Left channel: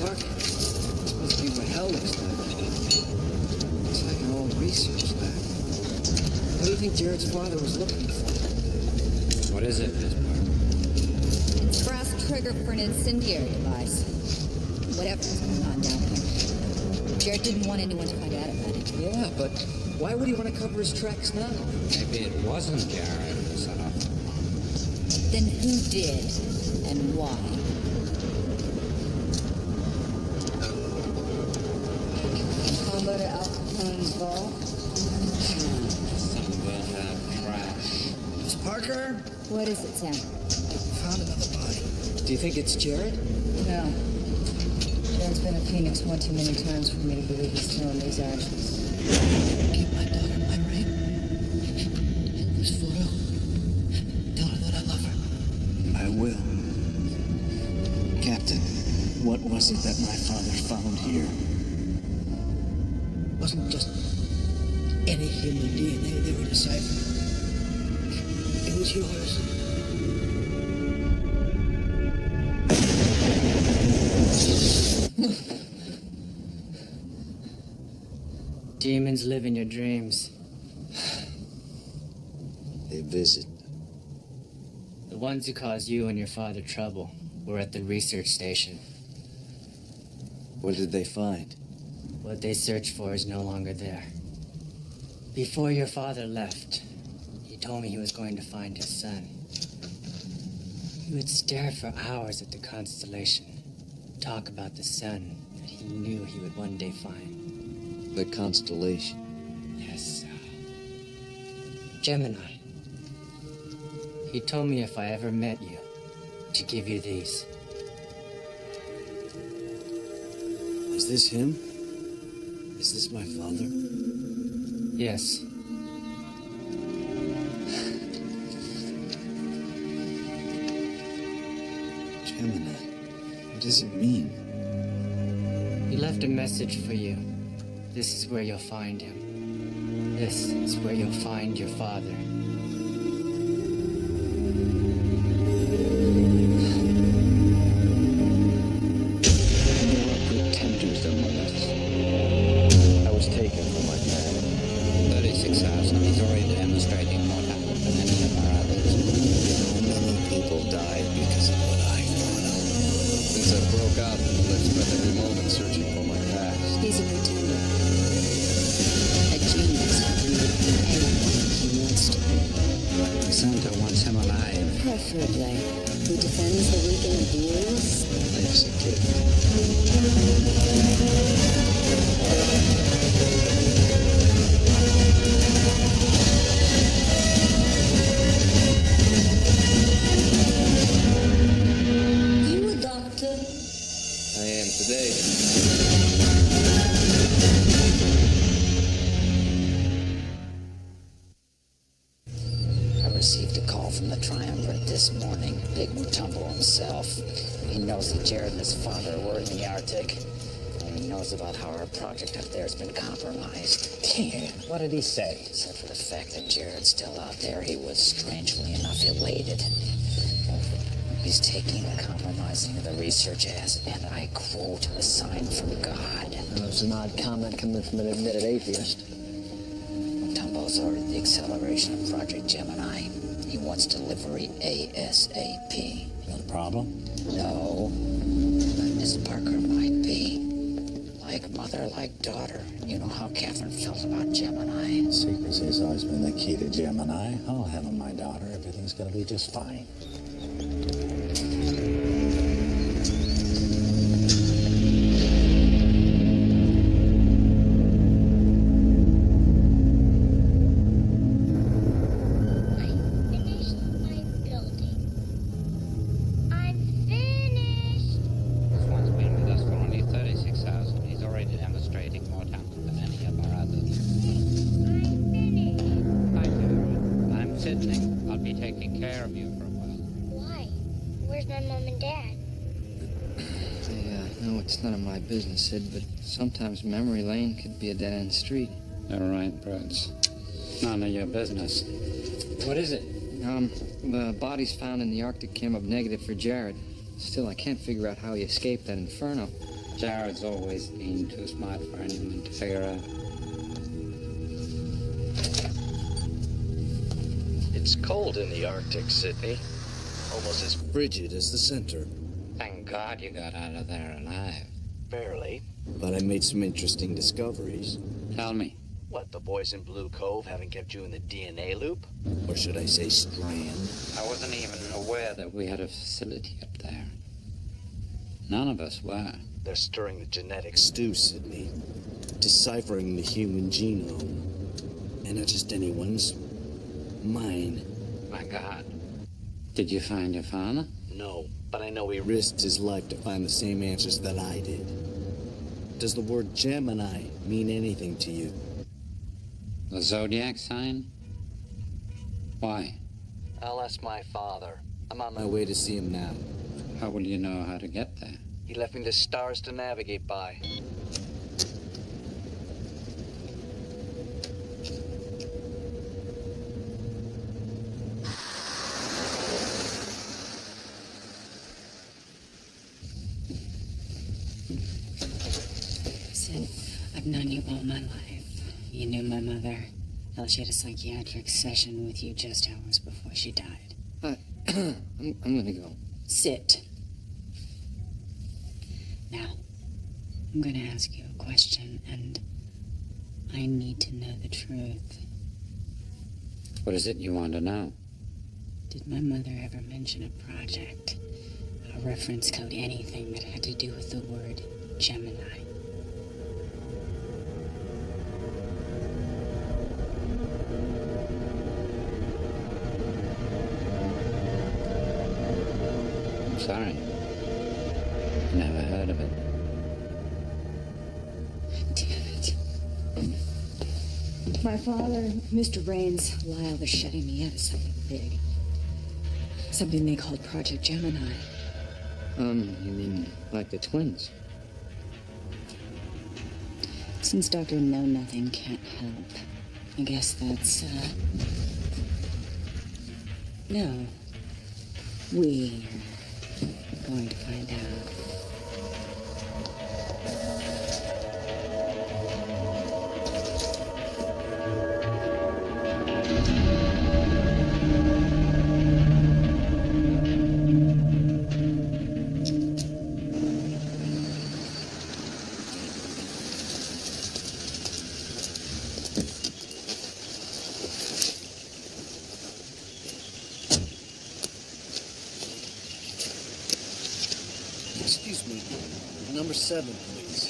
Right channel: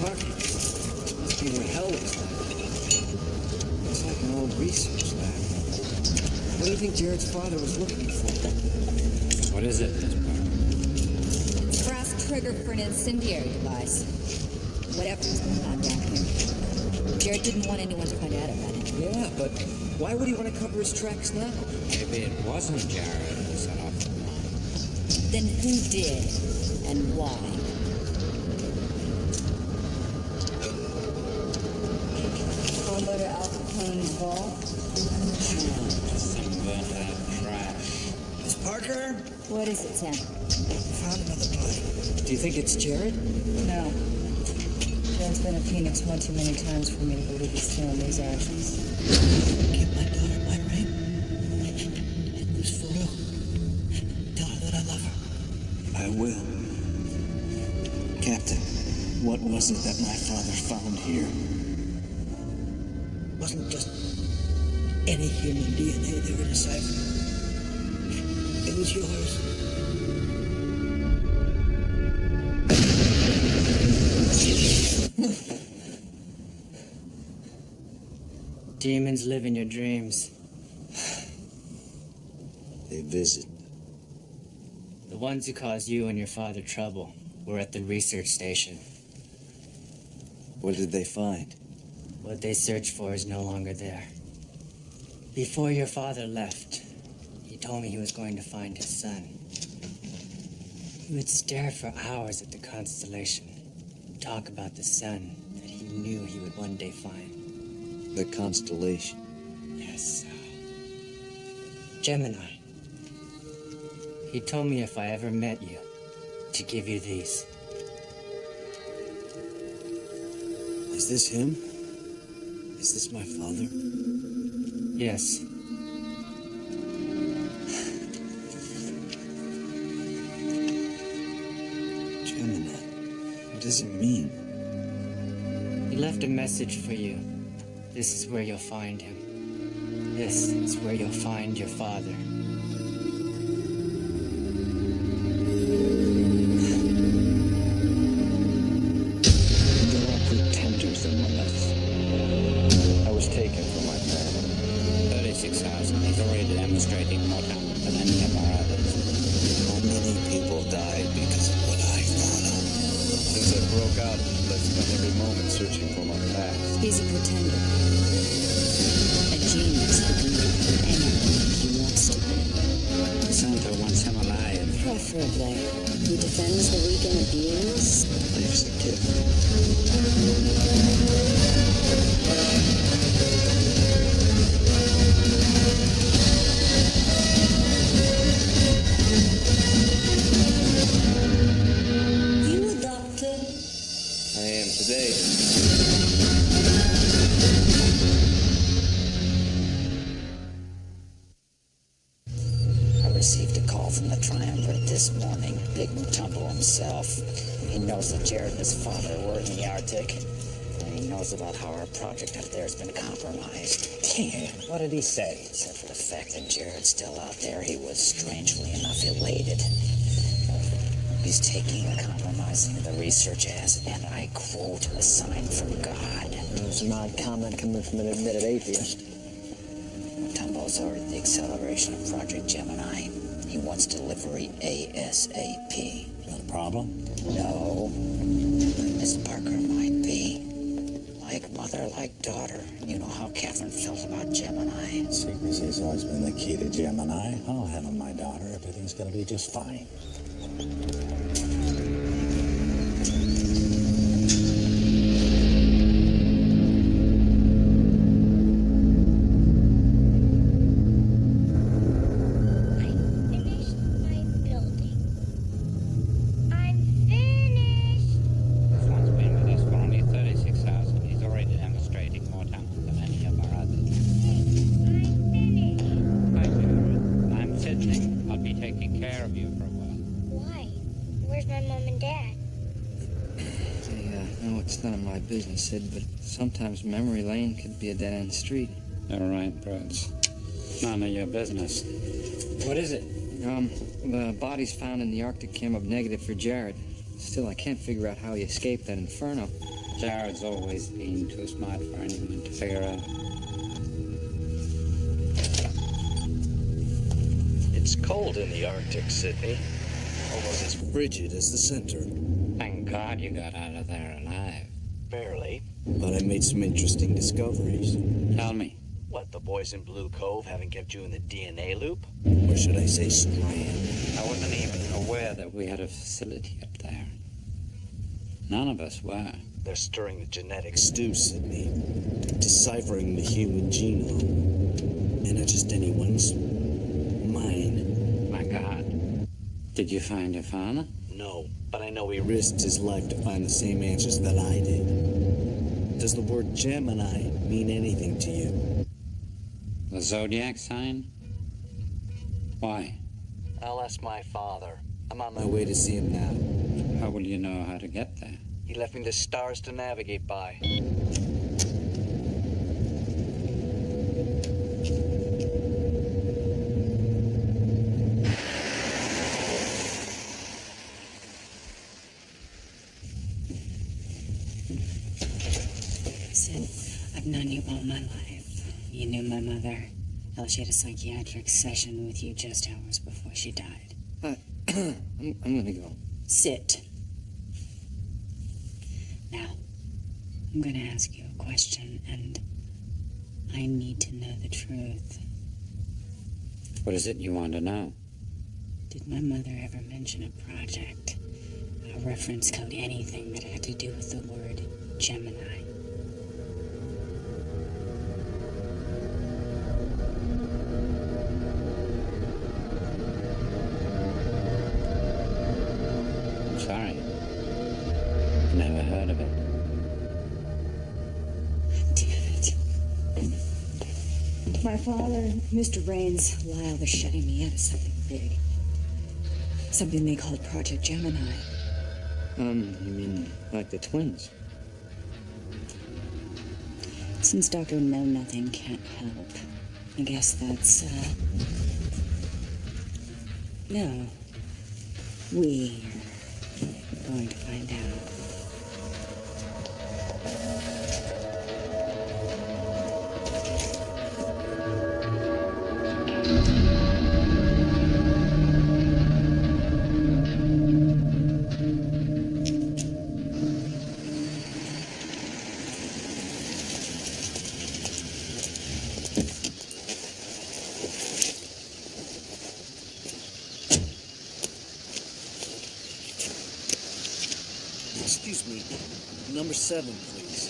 Park, this must be what hell looks like. Looks like an old research lab. What do you think Jared's father was looking for? What is it, Miss Park? It's a brass trigger for an incendiary device. Whatever was going on down here. Jared didn't want anyone to find out about it. Yeah, but why would he want to cover his tracks now? Maybe it wasn't Jared who set off the bomb. Then who did, and why? Combo to Al Capone's vault? Just some burnt out trash. Miss Parker? What is it, Sam? We found another body. Do you think it's Jared? No. Jared's been at Phoenix one too many times for me to believe he's still in these ashes. Give my daughter my ring. And this photo. Tell her that I love her. I will. Captain, what was it that my father found here? Wasn't just any human DNA they were deciphering. It was yours. Demons live in your dreams. They visit. The ones who caused you and your father trouble were at the research station. What did they find? What they searched for is no longer there. Before your father left, he told me he was going to find his son. He would stare for hours at the constellation, talk about the son that he knew he would one day find. The constellation. Yes, Gemini. He told me if I ever met you, to give you these. Is this him? Is this my father? Yes. Gemini. What does it mean? He left a message for you. This is where you'll find him. This is where you'll find your father. There are pretenders among us. I was taken from my family. 36,000. He's already demonstrating more talent than any of our others. How many people died because of what I thought of? Since I broke out, I've spent every moment searching for my past. He's a pretender. A genius who can become anyone that he wants to be. The center wants him alive. Preferably. He defends the weak and abused. Life's a gift. You a doctor? I am today. I received a call from the Triumvirate this morning. Big Mutombo himself. He knows that Jared and his father were in the Arctic. And he knows about how our project up there has been compromised. Damn, what did he say? Except for the fact that Jared's still out there, he was strangely enough elated. He's taking the compromising of the research as, and I quote, a sign from God. It's an odd comment coming from an admitted atheist. Mutombo's ordered the acceleration of Project Gemini. He wants delivery ASAP. You know the problem? No, but Miss Parker might be. Like mother, like daughter. You know how Catherine felt about Gemini. Secrecy has always been the key to Gemini. I'll handle my daughter. Everything's gonna be just fine. He's already demonstrating more talent than any of our others. Hey, I'm finished. Hi, Jared. I'm Sydney. I'll be taking care of you for a while. Why? Where's my mom and dad? I know it's none of my business, Sid, but sometimes memory lane could be a dead-end street. You're right, Brooks. None of your business. What is it? The bodies found in the Arctic came up negative for Jared. Still, I can't figure out how he escaped that inferno. Jared's always been too smart for anyone to figure out. It's cold in the Arctic, Sydney. Almost as frigid as the center. Thank God you got out of there alive. Barely. But I made some interesting discoveries. Tell me. What, the boys in Blue Cove haven't kept you in the DNA loop? Or should I say strand? I wasn't even aware that we had a facility up there. None of us were. They're stirring the genetic stew, Sydney. Deciphering the human genome. And not just anyone's. Mine. My God. Did you find your father? No, but I know he risked his life to find the same answers that I did. Does the word Gemini mean anything to you? The zodiac sign? Why? I'll ask my father. I'm on my way to see him now. How will you know how to get there? He left me the stars to navigate by. Sid, I've known you all my life. You knew my mother. Hell, she had a psychiatric session with you just hours before she died. I'm gonna go. Sit. Now, I'm gonna ask you a question, and I need to know the truth. What is it you want to know? Did my mother ever mention a project, a reference code, anything that had to do with the word Gemini? I'm sorry. Never heard of it. Damn it. My father, Mr. Raines, Lyle, they're shutting me out of something big. Something they called Project Gemini. You mean like the twins? Since Dr. Know Nothing can't help, I guess that's, No. We're going to find out. Excuse me. Number 7, please.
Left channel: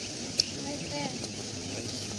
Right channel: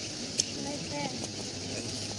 Right there. Thank you.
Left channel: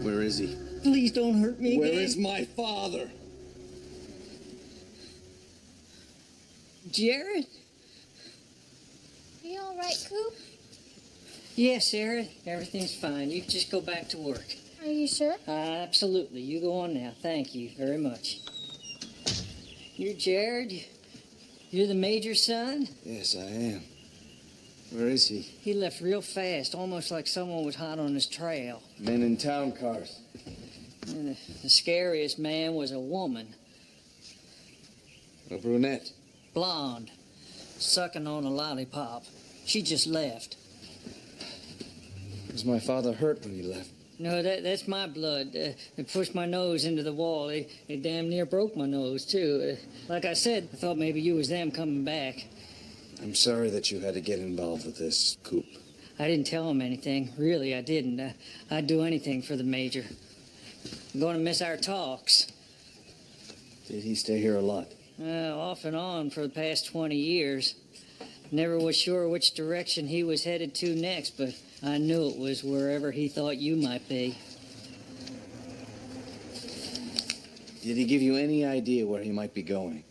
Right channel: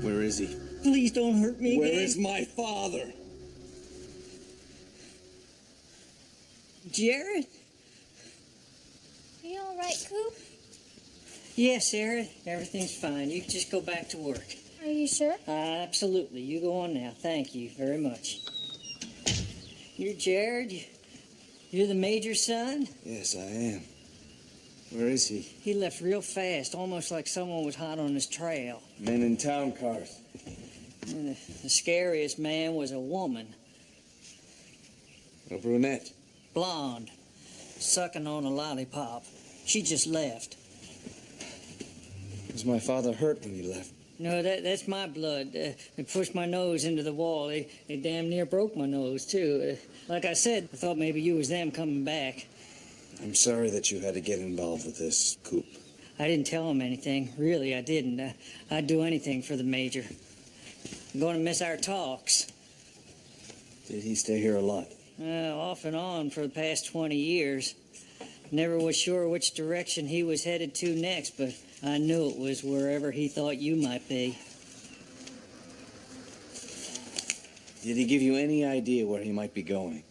Where is he? Please don't hurt me Where again. is my father? Jared? Are you all right, Coop? Yes, Sarah. Everything's fine. You can just go back to work. Are you sure? Absolutely. You go on now. Thank you very much. You're Jared? You're the major's son? Yes, I am. Where is he? He left real fast, almost like someone was hot on his trail. Men in town cars. And the scariest man was a woman, A brunette. blonde, sucking on a lollipop. She just left. Was my father hurt when he left? No, that's my blood. They pushed my nose into the wall. They damn near broke my nose, too. Like I said, I thought maybe you was them coming back. I'm sorry that you had to get involved with this, Coop. I didn't tell him anything. Really, I didn't. I'd do anything for the major. I'm going to miss our talks. Did he stay here a lot? Off and on for the past 20 years. Never was sure which direction he was headed to next, but I knew it was wherever he thought you might be. Did he give you any idea where he might be going?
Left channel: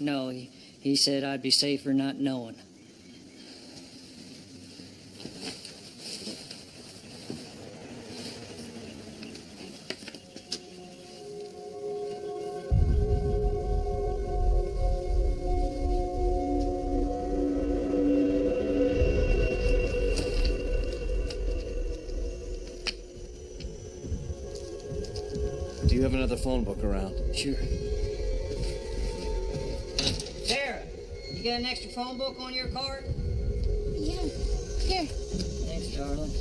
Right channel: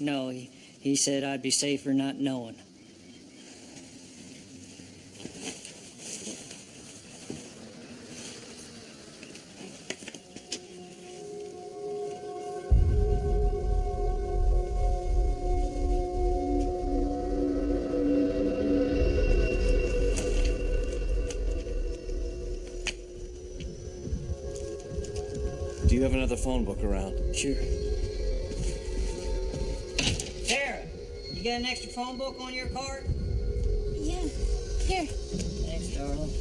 No, he said I'd be safer not knowing. Do you have another phone book around? Sure. Sarah, you got an extra phone book on your card? Yeah. Here. Thanks, darling.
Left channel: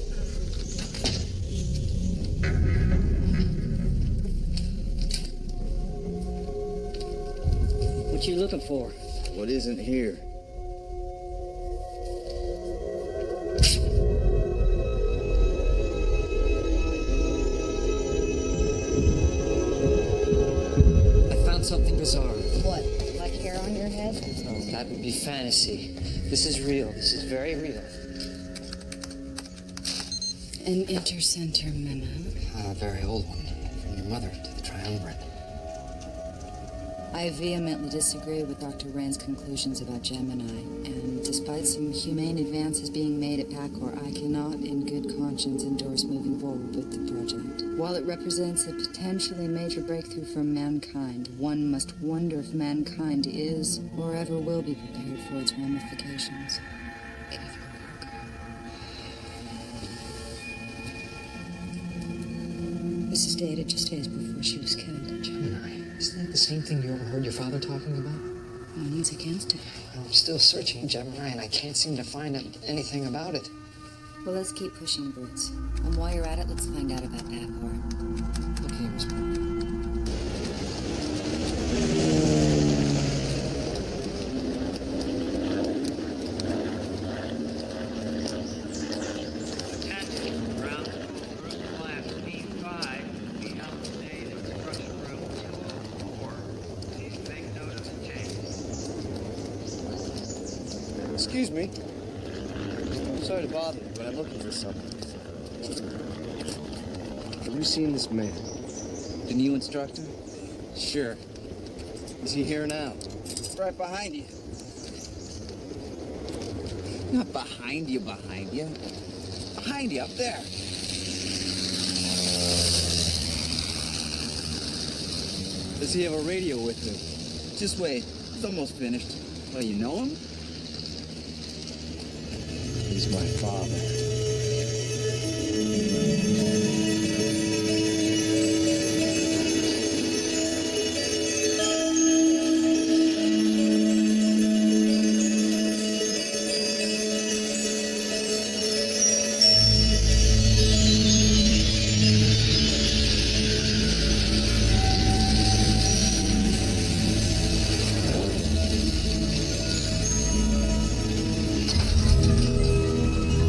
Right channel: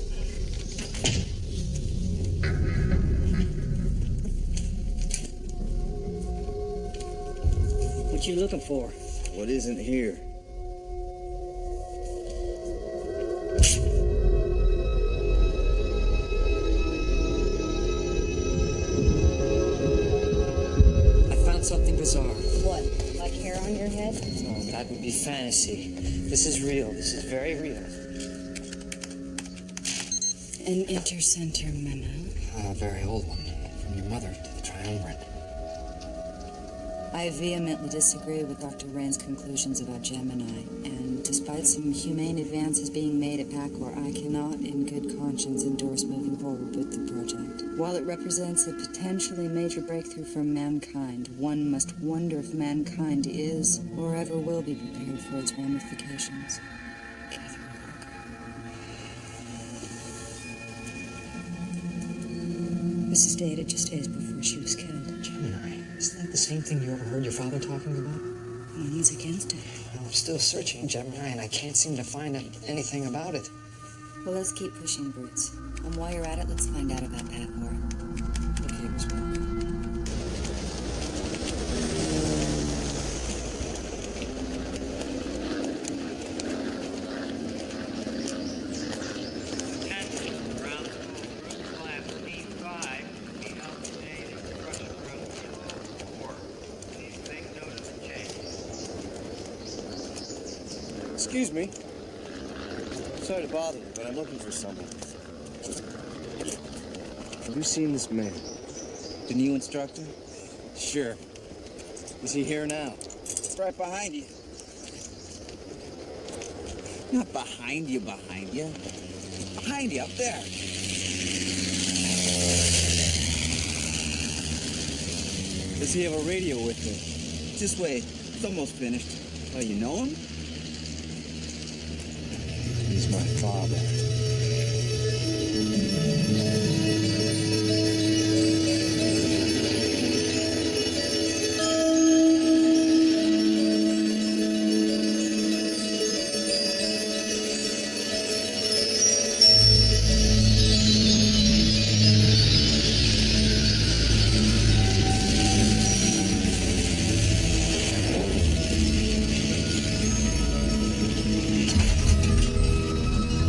What you looking for? What isn't here? I found something bizarre. What? Like hair on your head? Oh, that would be fantasy. This is real. This is very real. An intercenter memo. A very old one. From your mother to the Triumvirate. I vehemently disagree with Dr. Rain's conclusions about Gemini, and despite some humane advances being made at Pacor, I cannot in good conscience endorse moving forward with the project. While it represents a potentially major breakthrough for mankind, one must wonder if mankind is or ever will be prepared for its ramifications. Catherine Parker. This is dated just days before she was killed. Gemini. Isn't that the same thing you overheard your father talking about? One was against it. Well, I'm still searching Gemini, and I can't seem to find anything about it. Well, let's keep pushing, Brutes. And while you're at it, let's find out about Pacor. Okay, Miss Parker. Attention, ground school group class B5 will be held today in instruction room 204. Please make note of the changes. Excuse me. I'm sorry to bother you, but I'm looking for someone. Have you seen this man? The new instructor? Sure. Is he here now? Right behind you. Not behind you, behind you. Behind you, up there. Does he have a radio with him? Just wait. It's almost finished. Well, you know him? He's my father.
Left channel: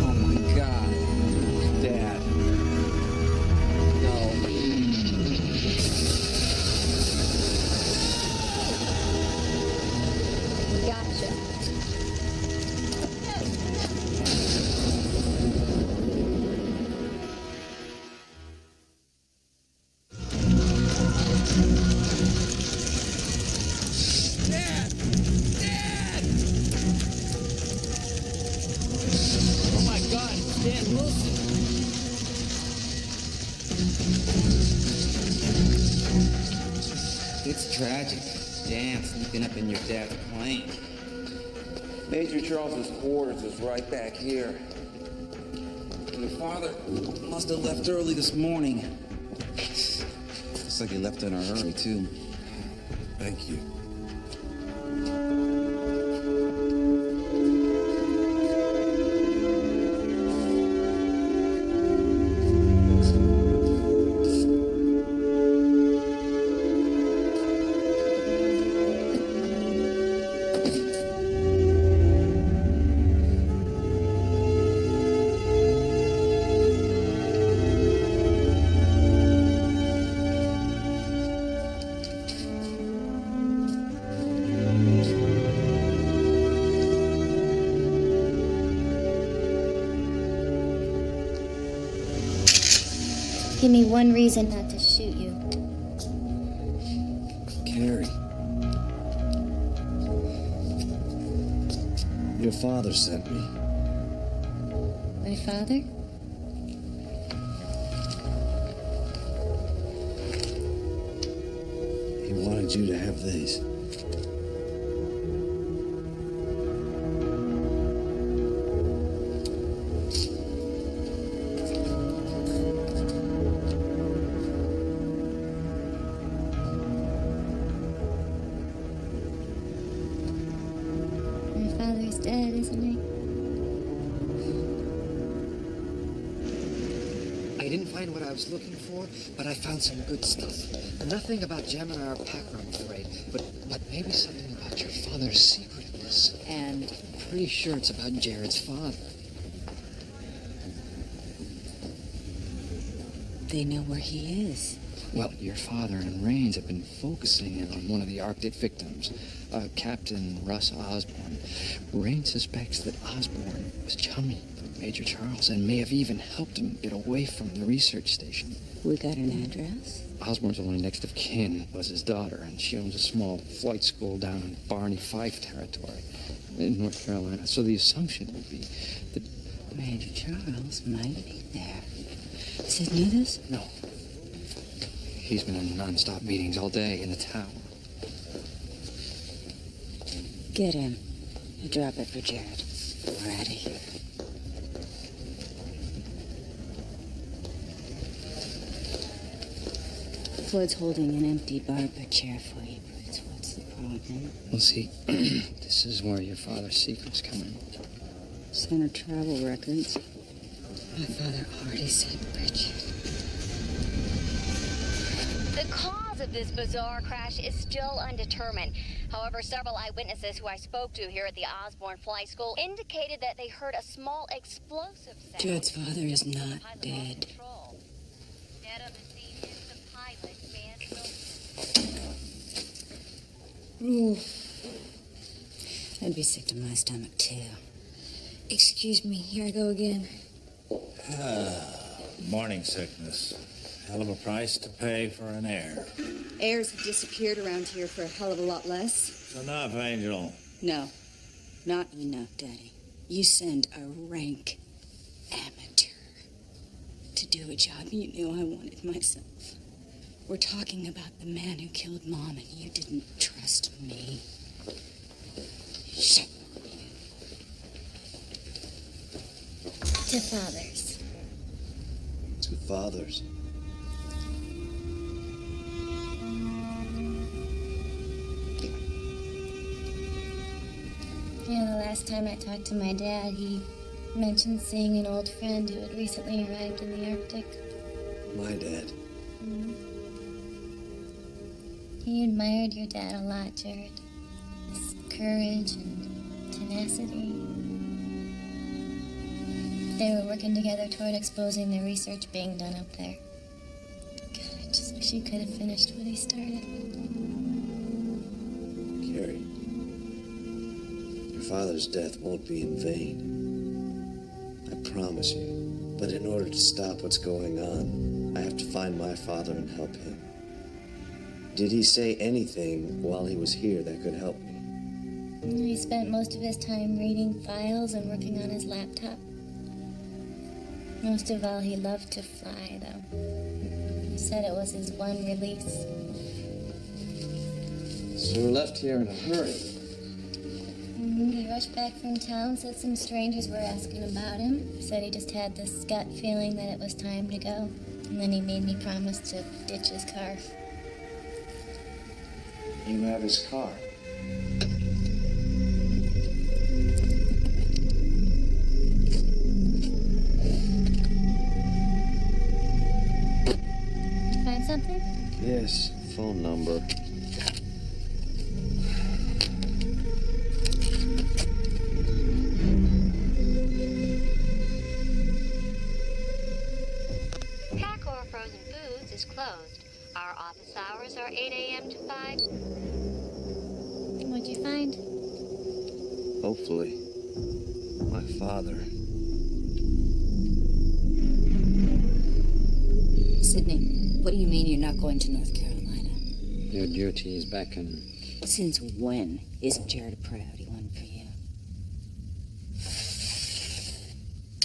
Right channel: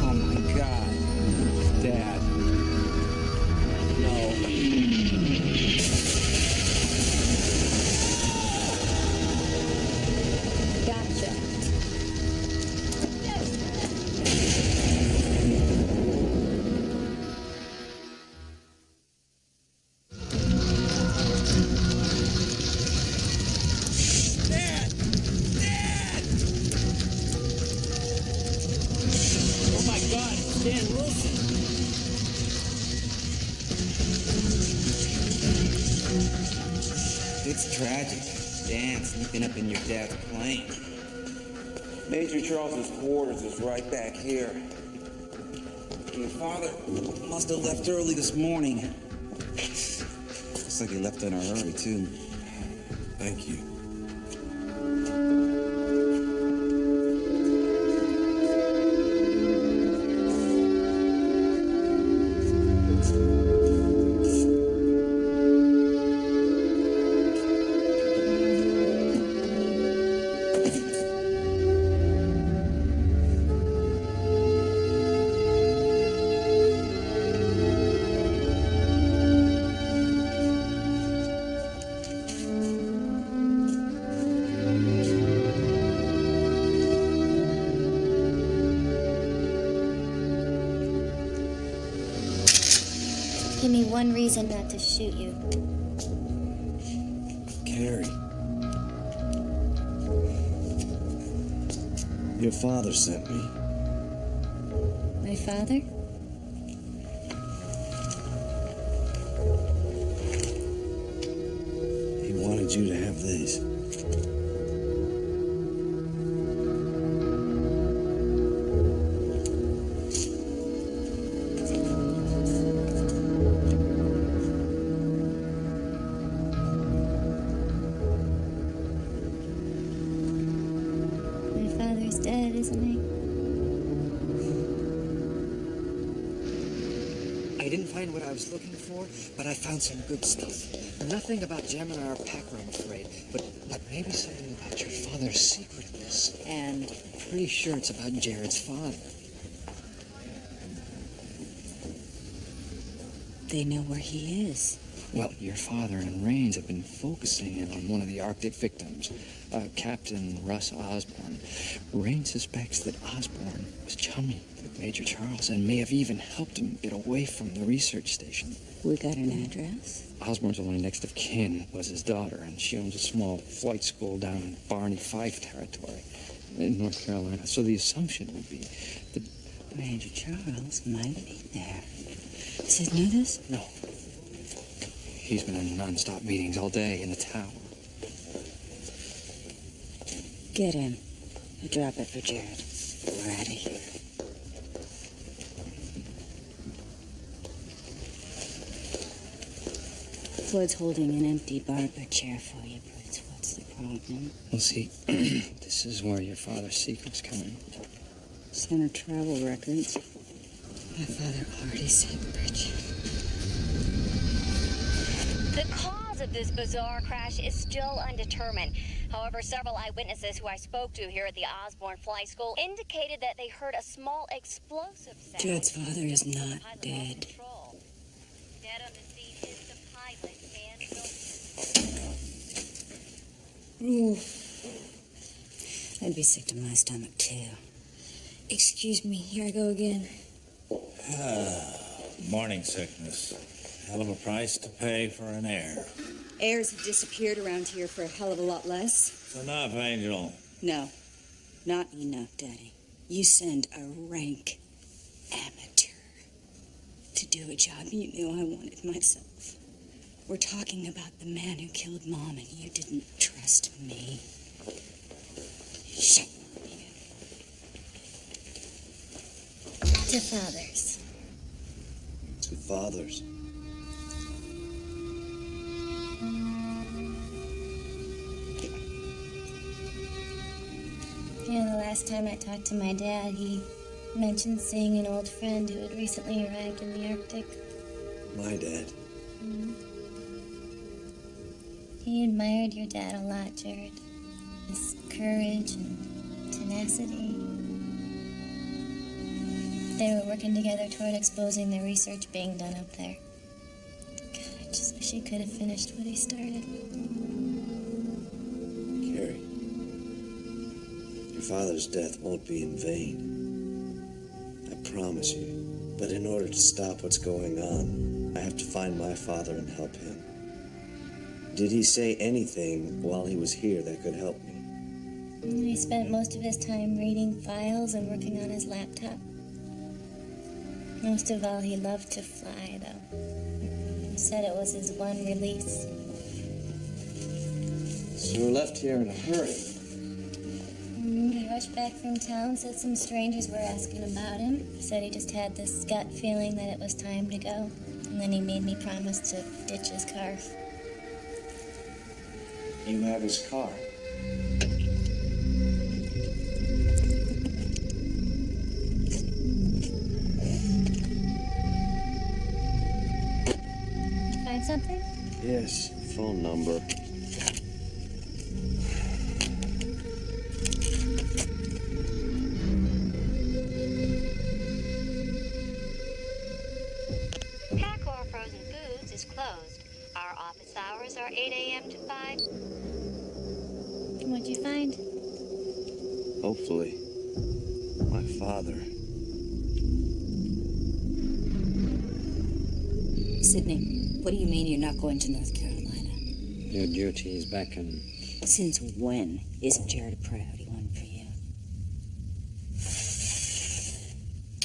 Oh, my God. No, Dad. No. Gotcha. Dad! Dad! Oh my God, it's Dan Wilson. It's tragic. Dan sneaking up in your dad's plane. Major Charles's quarters is right back here. Your father must have left early this morning. Looks like he left in a hurry, too. Thank you. Give me one reason not to shoot you. Carrie. Your father sent me. My father? He wanted you to have these. My father's dead, isn't he? I didn't find what I was looking for, but I found some good stuff. Nothing about Gemini or Packer, I'm afraid, but maybe something about your father's secretiveness. And pretty sure it's about Jared's father. They know where he is. Well, your father and Rains have been focusing in on one of the Arctic victims, Captain Russ Osborne. Rains suspects that Osborne was chummy with Major Charles and may have even helped him get away from the research station. We got an address? Osborne's only next of kin was his daughter, and she owns a small flight school down in Barney Fife territory in North Carolina. So the assumption would be that Major Charles might be there. Sid knew this? No. He's been in non-stop meetings all day in the tower. Get him. You drop it for Jared. We're out of here. Floyd's holding an empty barber chair for you, Bruce. What's the problem? Well, see, this is where your father's secrets come in. Center travel records. My father already sent Bridget. The cause of this bizarre crash is still undetermined. However, several eyewitnesses who I spoke to here at the Osborne Flight School indicated that they heard a small explosive sound. Jared's father is not dead. Dead on the scene is the pilot, Dan Wilson. Ooh. I'd be sick to my stomach, too. Excuse me, here I go again. Morning sickness. Hell of a price to pay for an heir. Heirs have disappeared around here for a hell of a lot less. It's enough, Angel. No, not enough, Daddy. You send a rank amateur to do a job you knew I wanted myself. We're talking about the man who killed Mom, and you didn't trust me. Shut. To fathers. To fathers. You know, the last time I talked to my dad, he mentioned seeing an old friend who had recently arrived in the Arctic. My dad. Mm-hmm. He admired your dad a lot, Jared. His courage and tenacity. They were working together toward exposing the research being done up there. God, I just wish he could have finished what he started. Carrie, your father's death won't be in vain. I promise you. But in order to stop what's going on, I have to find my father and help him. Did he say anything while he was here that could help me? He spent most of his time reading files and working on his laptop. Most of all, he loved to fly, though. He said it was his one release. So we left here in a hurry. He rushed back from town, said some strangers were asking about him. Said he just had this gut feeling that it was time to go. And then he made me promise to ditch his car. You have his car. Find something? Yes, phone number. Packor Frozen Foods is closed. Our office hours are 8 a.m. to 5. What'd you find? Hopefully, my father. Sydney, what do you mean you're not going to North Carolina? Your duties beckon. Since when isn't Jared a priority one for you?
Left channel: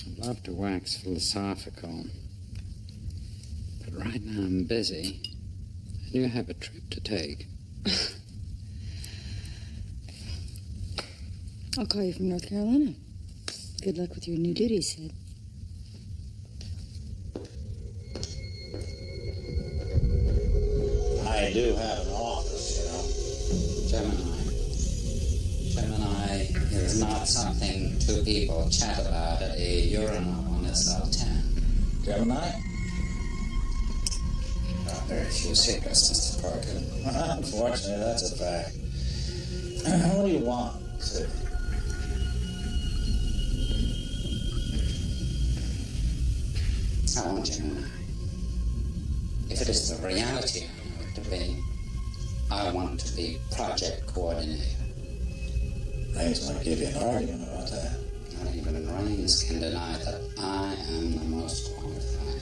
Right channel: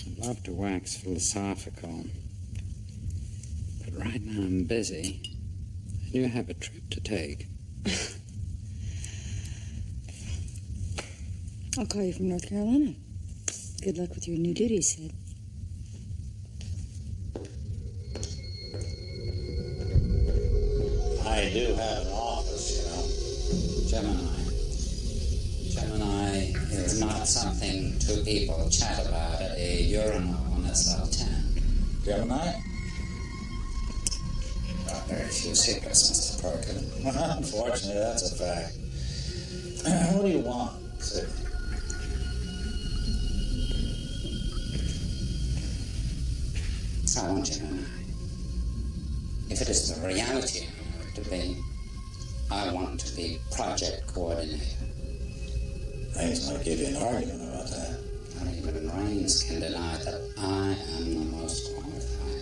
I'd love to wax philosophical, but right now I'm busy. I do have a trip to take. I'll call you from North Carolina. Good luck with your new duties, Sid. I do have an office, you know. Gemini. Gemini is not something two people chat about at a urinal on SL10. Gemini? There are very few secrets, Mr. Parker. Unfortunately, that's a fact. What do you want, Sid? I want Gemini. If it is the reality I know it to be, I want to be project coordinator. Raines might give you an argument about that. Not even Raines can deny that I am the most qualified.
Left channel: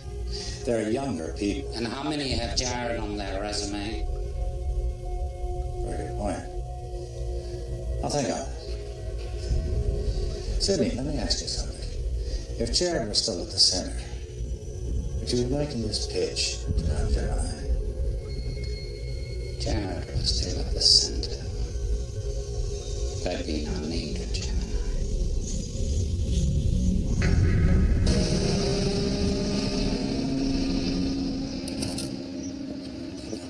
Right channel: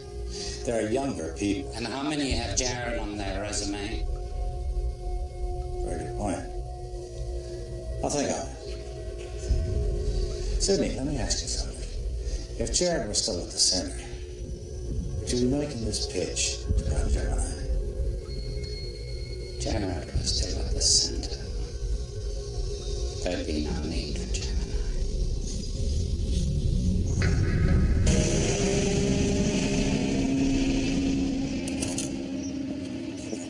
There are younger people. And how many have Jared on their resume? Very good point. I'll think on it. Sidney, let me ask you something. If Jared were still at the center, would you be making this pitch to run Gemini? Jared was still at the center. There'd be no need for Gemini.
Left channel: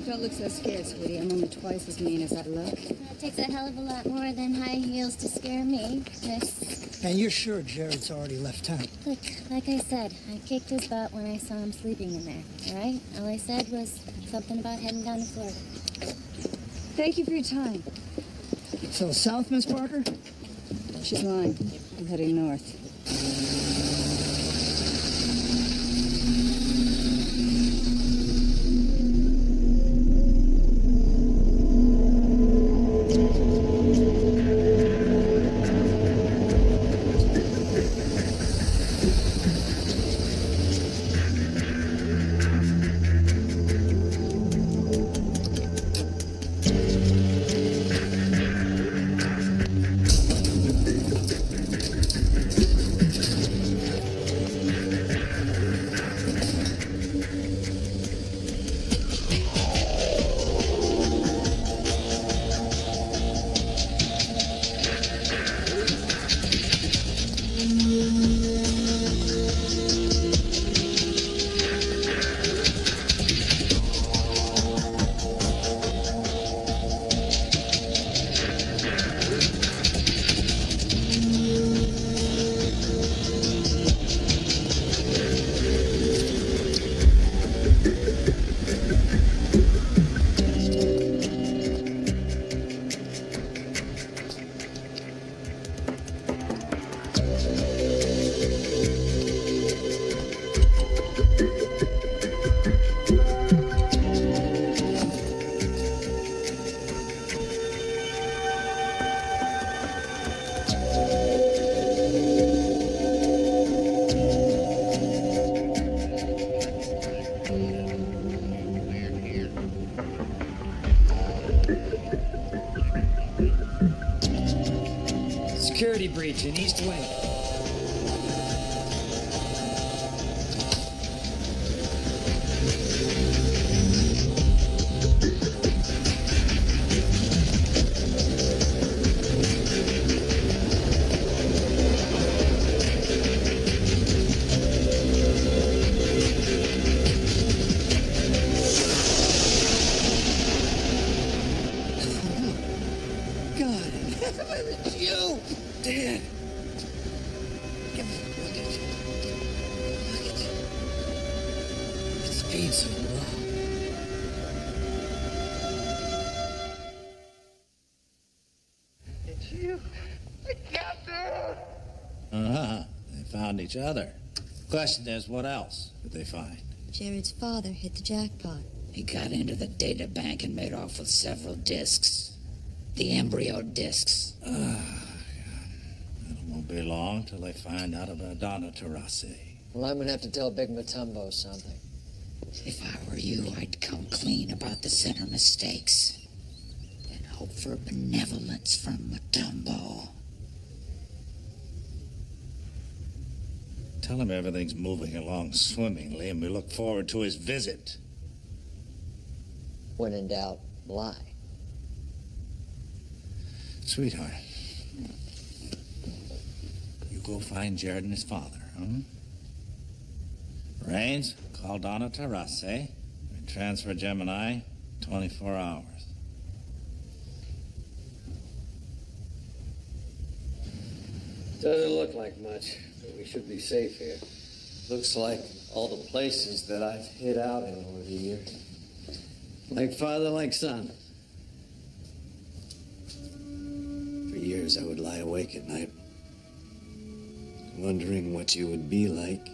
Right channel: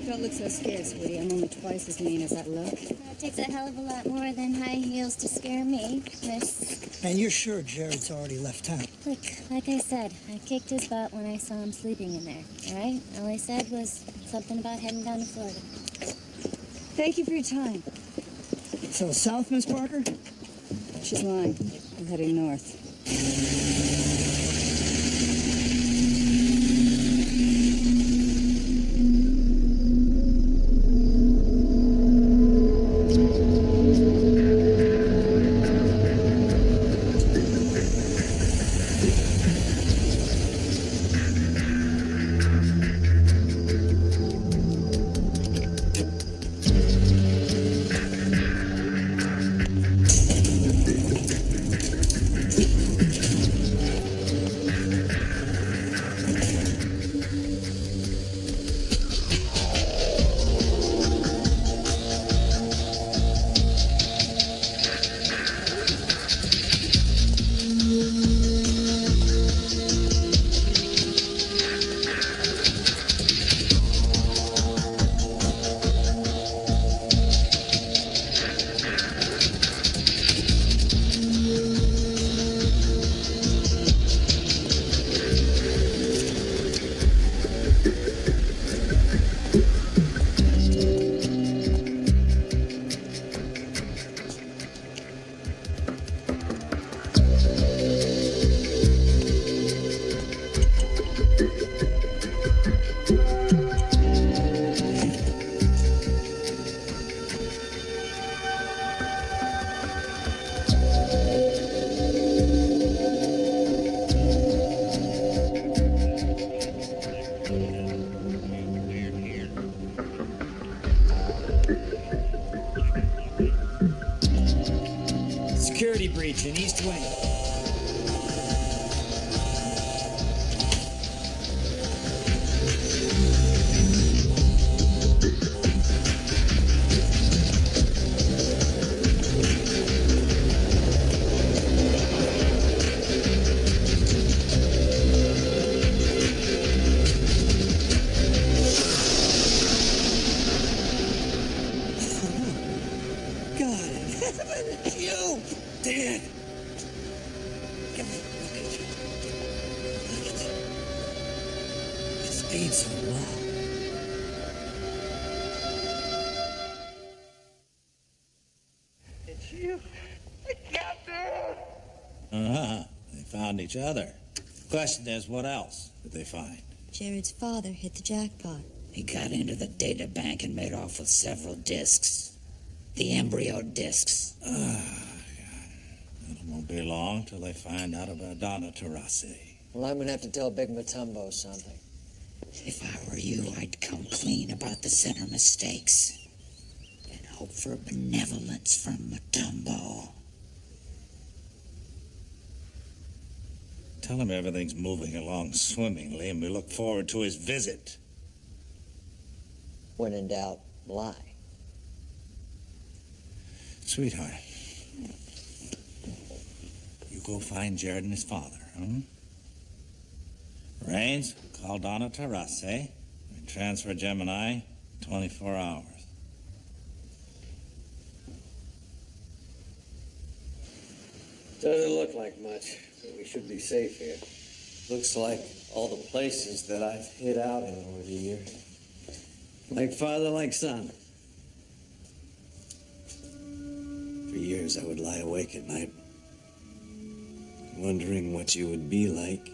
Don't look so scared, sweetie. I'm only twice as mean as I look. That takes a hell of a lot more than high heels to scare me, miss. And you're sure Jared's already left town? Look, like I said, I kicked his butt when I saw him sleeping in there, all right? All I said was something about heading down to Florida. Thank you for your time. So south, Miss Parker? She's lying. We're heading north. Security breach in East Wing. God in heaven, it's you! Dad! Come here, look at you. Look at you. It's been so long. It's you. I got there! They found each other. Question is, what else did they find? Jared's father hit the jackpot. He got into the data bank and made off with several discs. The embryo discs. It won't be long till they find out about Donoterase. Well, I'm gonna have to tell Big Matumbo something. If I were you, I'd come clean about the center mistakes and hope for benevolence from Mutombo. Tell him everything's moving along swimmingly, and we look forward to his visit. When in doubt, lie. Sweetheart, you go find Jared and his father, huh? Rains, call Donoterase. We transfer Gemini 24 hours. Doesn't look like much, but we should be safe here. Looks like all the places that I've hid out in over the years. Like father, like son. For years I would lie awake at night, wondering what you would be like,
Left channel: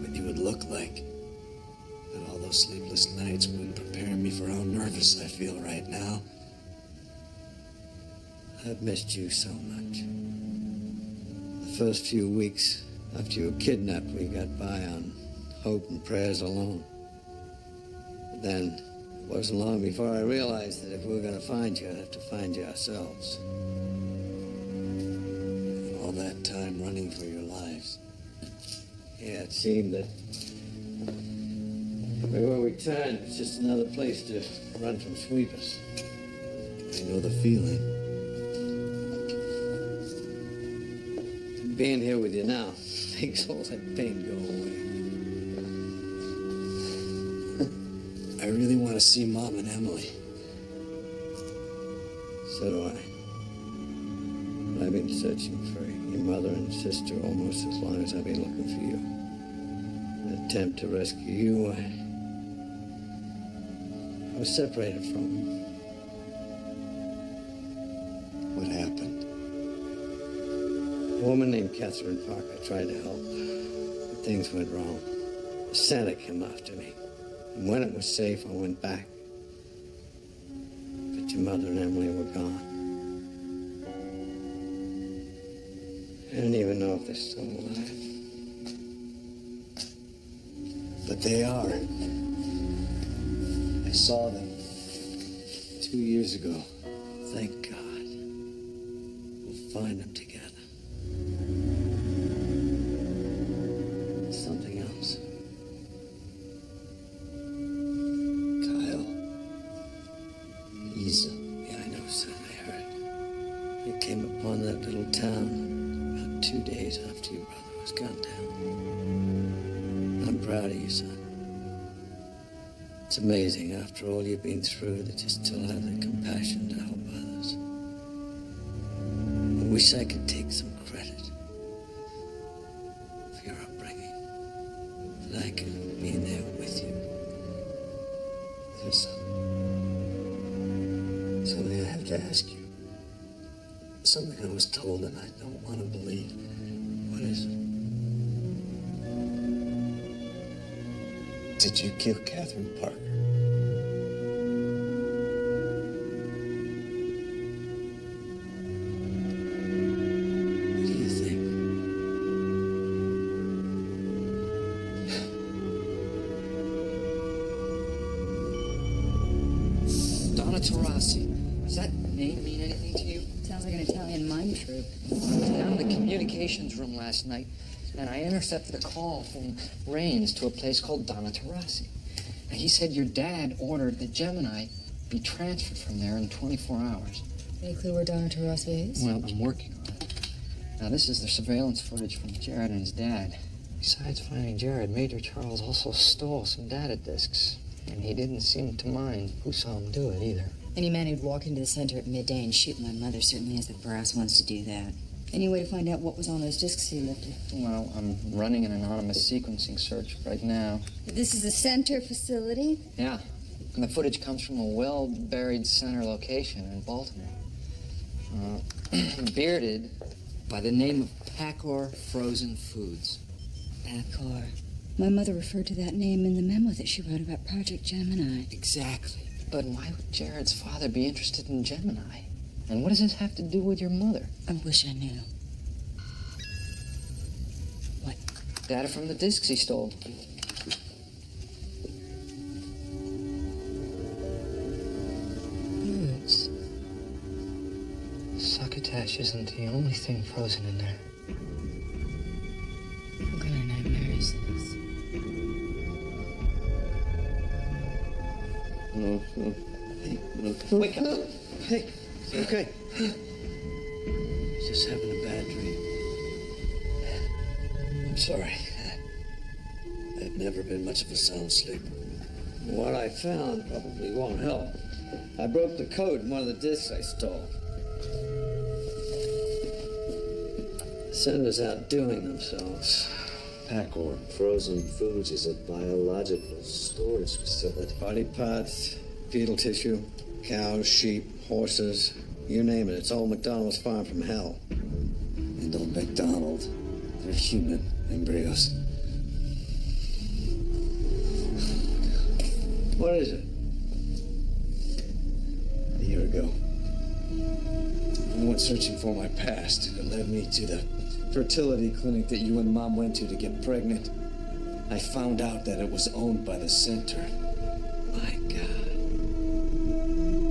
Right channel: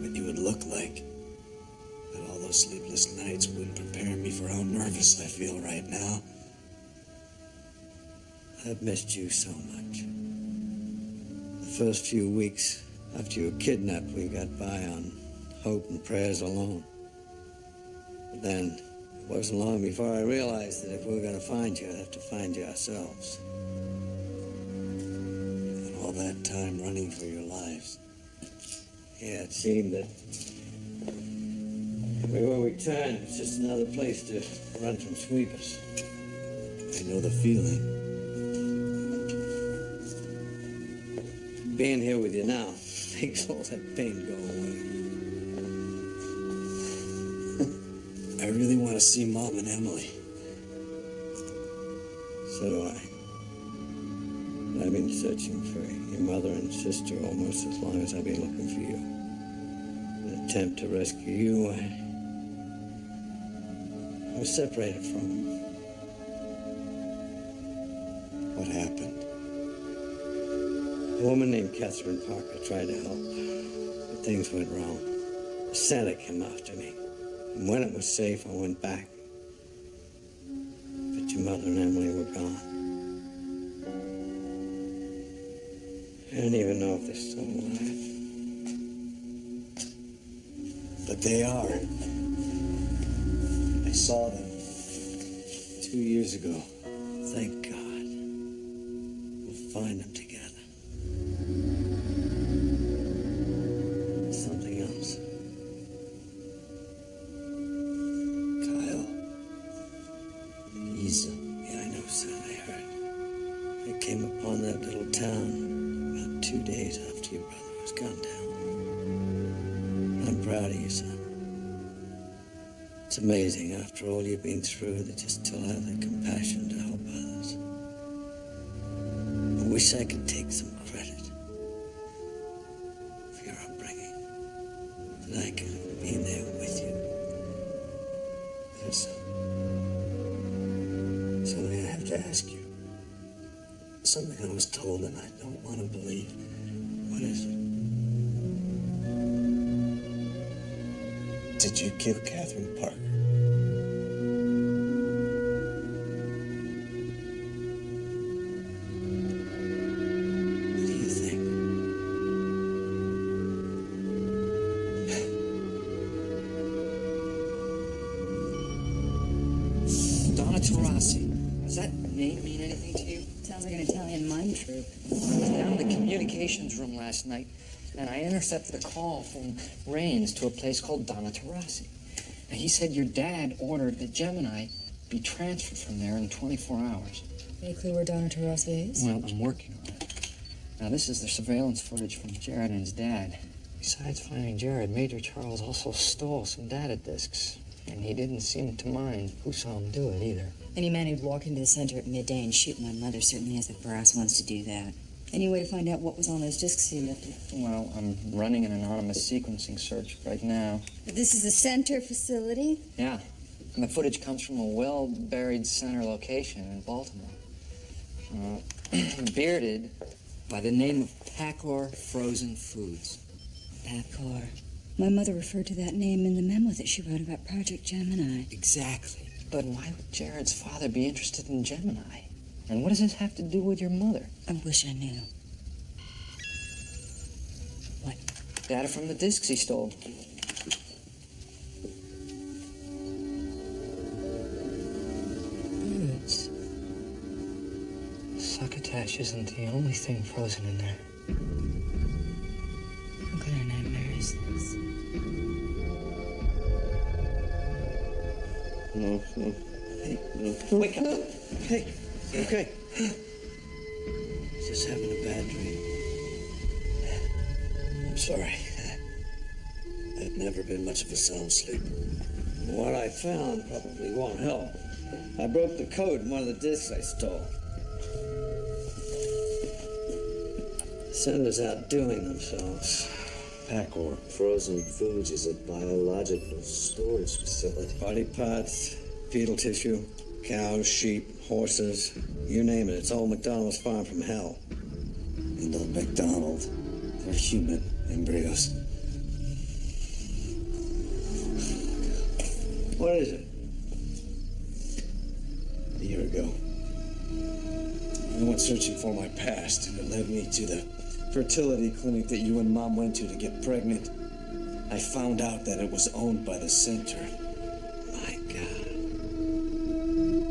what you would look like. But all those sleepless nights wouldn't prepare me for how nervous I feel right now. I've missed you so much. The first few weeks after you were kidnapped, we got by on hope and prayers alone. But then, it wasn't long before I realized that if we were going to find you, I'd have to find you ourselves. And all that time running for your lives. Yeah, it seemed that everywhere we turned, it was just another place to run from sweepers. I know the feeling. Being here with you now makes all that pain go away. I really want to see Mom and Emily. So do I. I've been searching for your mother and sister almost as long as I've been looking for you. In an attempt to rescue you, I was separated from them. What happened? A woman named Catherine Parker tried to help, but things went wrong. The Santa came after me, and when it was safe, I went back. But your mother and Emily were gone. I don't even know if they're still alive. But they are. I saw them 2 years ago. Thank God. We'll find them together. Something else. Kyle. He's... Yeah, I know, son, I heard. I came upon that little town about 2 days after your brother was gunned down. I'm proud of you, son. It's amazing, after all you've been through, that you still have the compassion to help others. I wish I could take some credit for your upbringing. That I could have been there with you. There's something I have to ask you. Something I was told and I don't want to believe. What is it? Did you kill Catherine Parker? What do you think? Donoterase. Does that name mean anything to you? Sounds like an Italian mime troupe. I was down in the communications room last night, and I intercepted a call from Rains to a place called Donoterase. Now, he said your dad ordered that Gemini be transferred from there in 24 hours. Any clue where Donoterase is? Well, I'm working on it. Now, this is the surveillance footage from Jared and his dad. Besides finding Jared, Major Charles also stole some data disks. And he didn't seem to mind who saw him do it, either. Any man who'd walk into the center at midday and shoot my mother certainly has the brass ones to do that. Any way to find out what was on those discs he lifted? Well, I'm running an anonymous sequencing search right now. But this is the center facility? Yeah. And the footage comes from a well-buried center location in Baltimore. Bearded by the name of Pacor Frozen Foods. Pacor. My mother referred to that name in the memo that she wrote about Project Gemini. Exactly. But why would Jared's father be interested in Gemini? And what does this have to do with your mother? I wish I knew. What? Data from the discs he stole. foods. Succotash isn't the only thing frozen in there. What kind of nightmare is this? No. Hey, no. Wake up. Hey, it's okay. He's just having a bad dream. I'm sorry. I've never been much of a sound sleeper. What I found probably won't help. I broke the code in one of the discs I stole. The center's outdoing themselves. Pacor. Frozen Foods is a biological storage facility. Body parts, fetal tissue, cows, sheep, horses, you name it. It's old McDonald's farm from hell. And old McDonald, they're human embryos. What is it? A year ago, I went searching for my past, and it led me to the fertility clinic that you and Mom went to get pregnant. I found out that it was owned by the center. My God.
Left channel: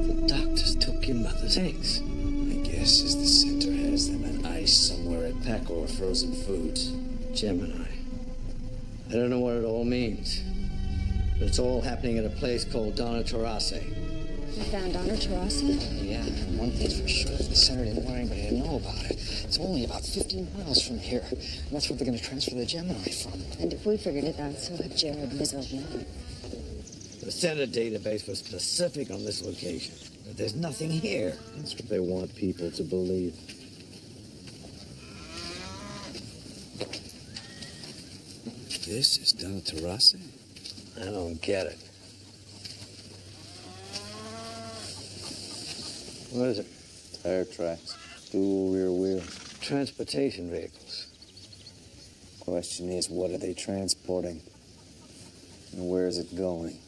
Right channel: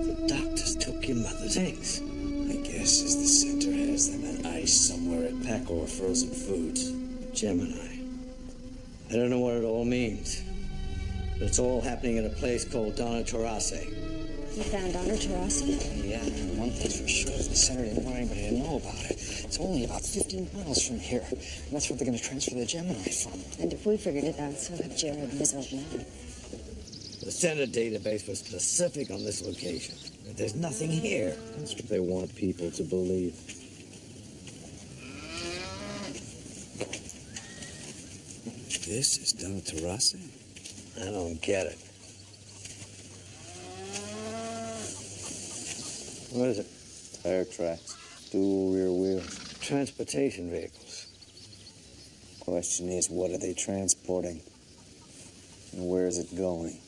The doctors took your mother's eggs. My guess is the center has them on ice somewhere at Pacor Frozen Foods. Gemini. I don't know what it all means, but it's all happening at a place called Donoterase. You found Donoterase? Yeah, and one thing's for sure, the center didn't want anybody to know about it. It's only about 15 miles from here, and that's where they're going to transfer the Gemini from. And if we figured it out, so have Jared and his old man. The center database was specific on this location, but there's nothing here. That's what they want people to believe. This is Donoterase? I don't get it. What is it? Tire tracks. Dual rear wheels. Transportation vehicles. Question is, what are they transporting? And where is it going?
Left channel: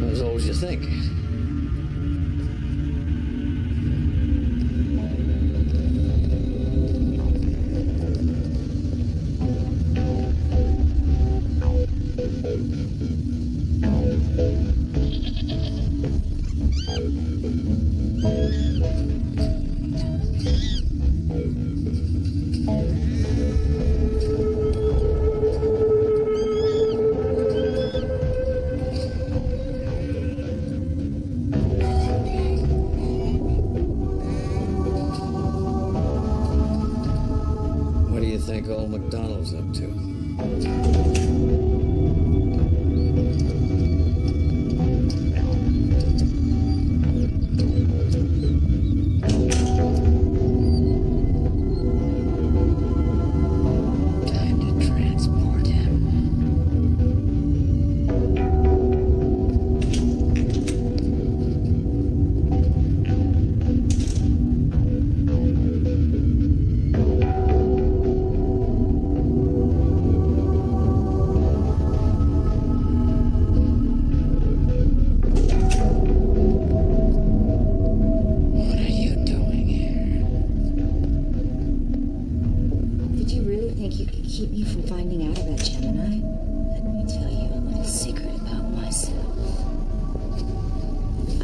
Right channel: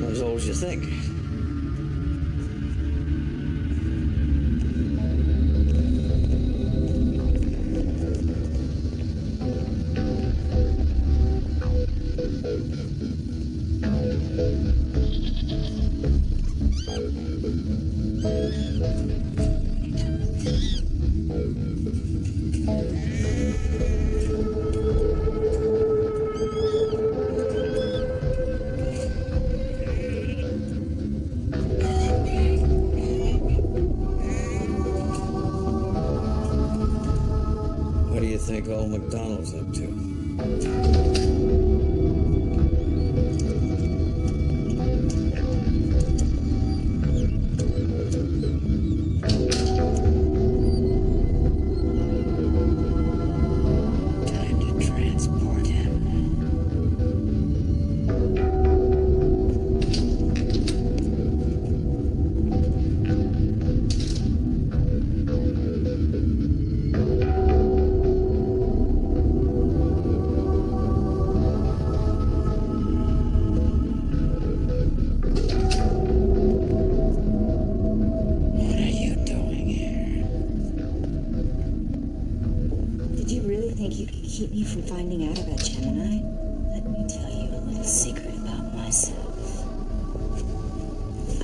Not as old as you think. What do you think old McDonald's up to? Time to transport him. What are you doing here? Did you really think you could keep me from finding out about Gemini? secret about myself.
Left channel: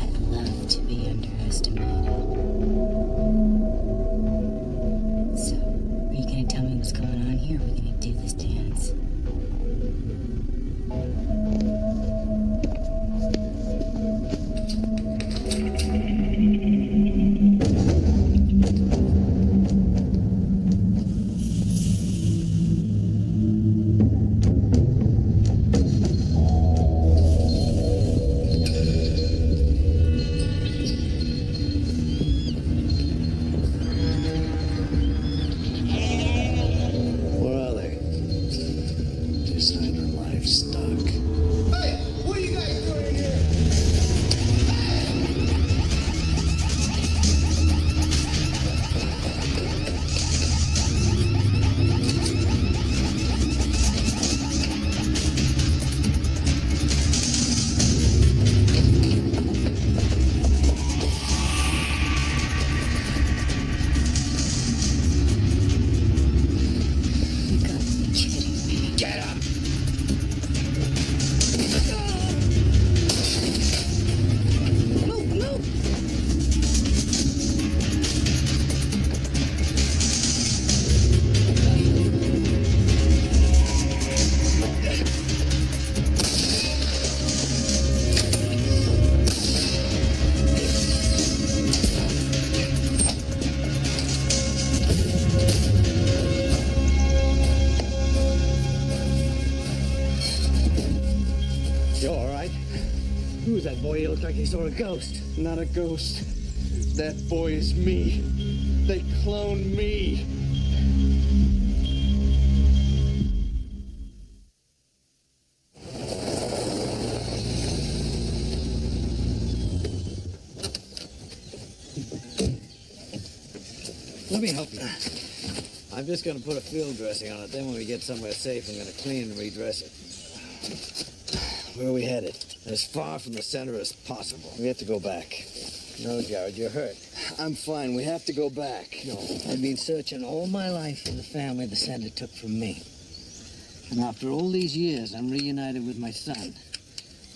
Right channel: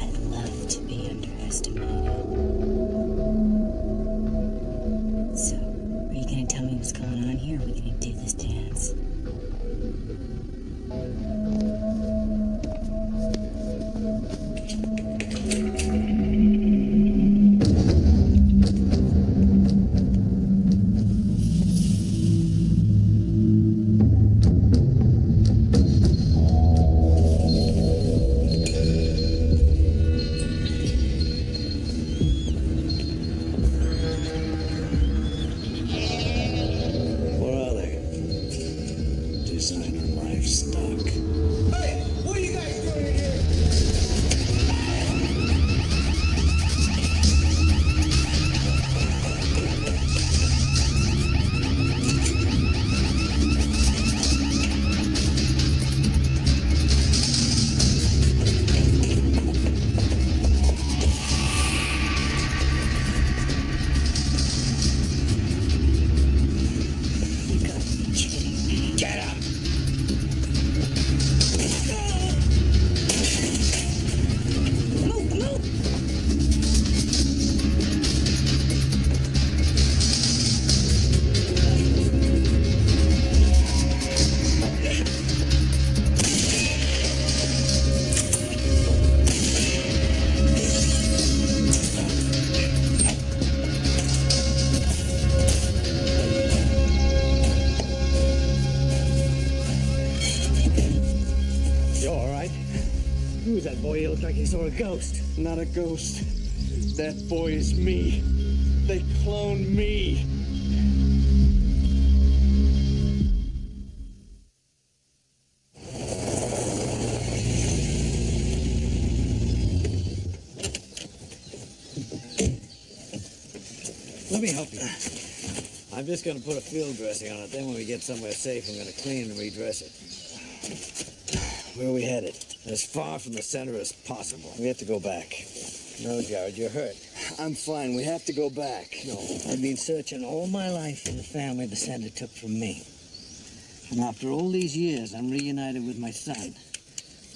I love to be underestimated. So, are you gonna tell me what's going on here? Or are we gonna do this dance? Where are they? Designer livestock. Hey, what are you guys doing in here? You gotta be kidding me. Get him! Move, move! You all right? Who's that boy? He looked like he saw a ghost. Not a ghost. That boy is me. They cloned me. Let me help you. I'm just going to put a field dressing on it. Then when we get somewhere safe, I'm going to clean and redress it. Where are we headed? As far from the center as possible. We have to go back. No, Jared, you're hurt. I'm fine. We have to go back. No, I've been searching all my life for the family the center took from me. And after all these years, I'm reunited with my son.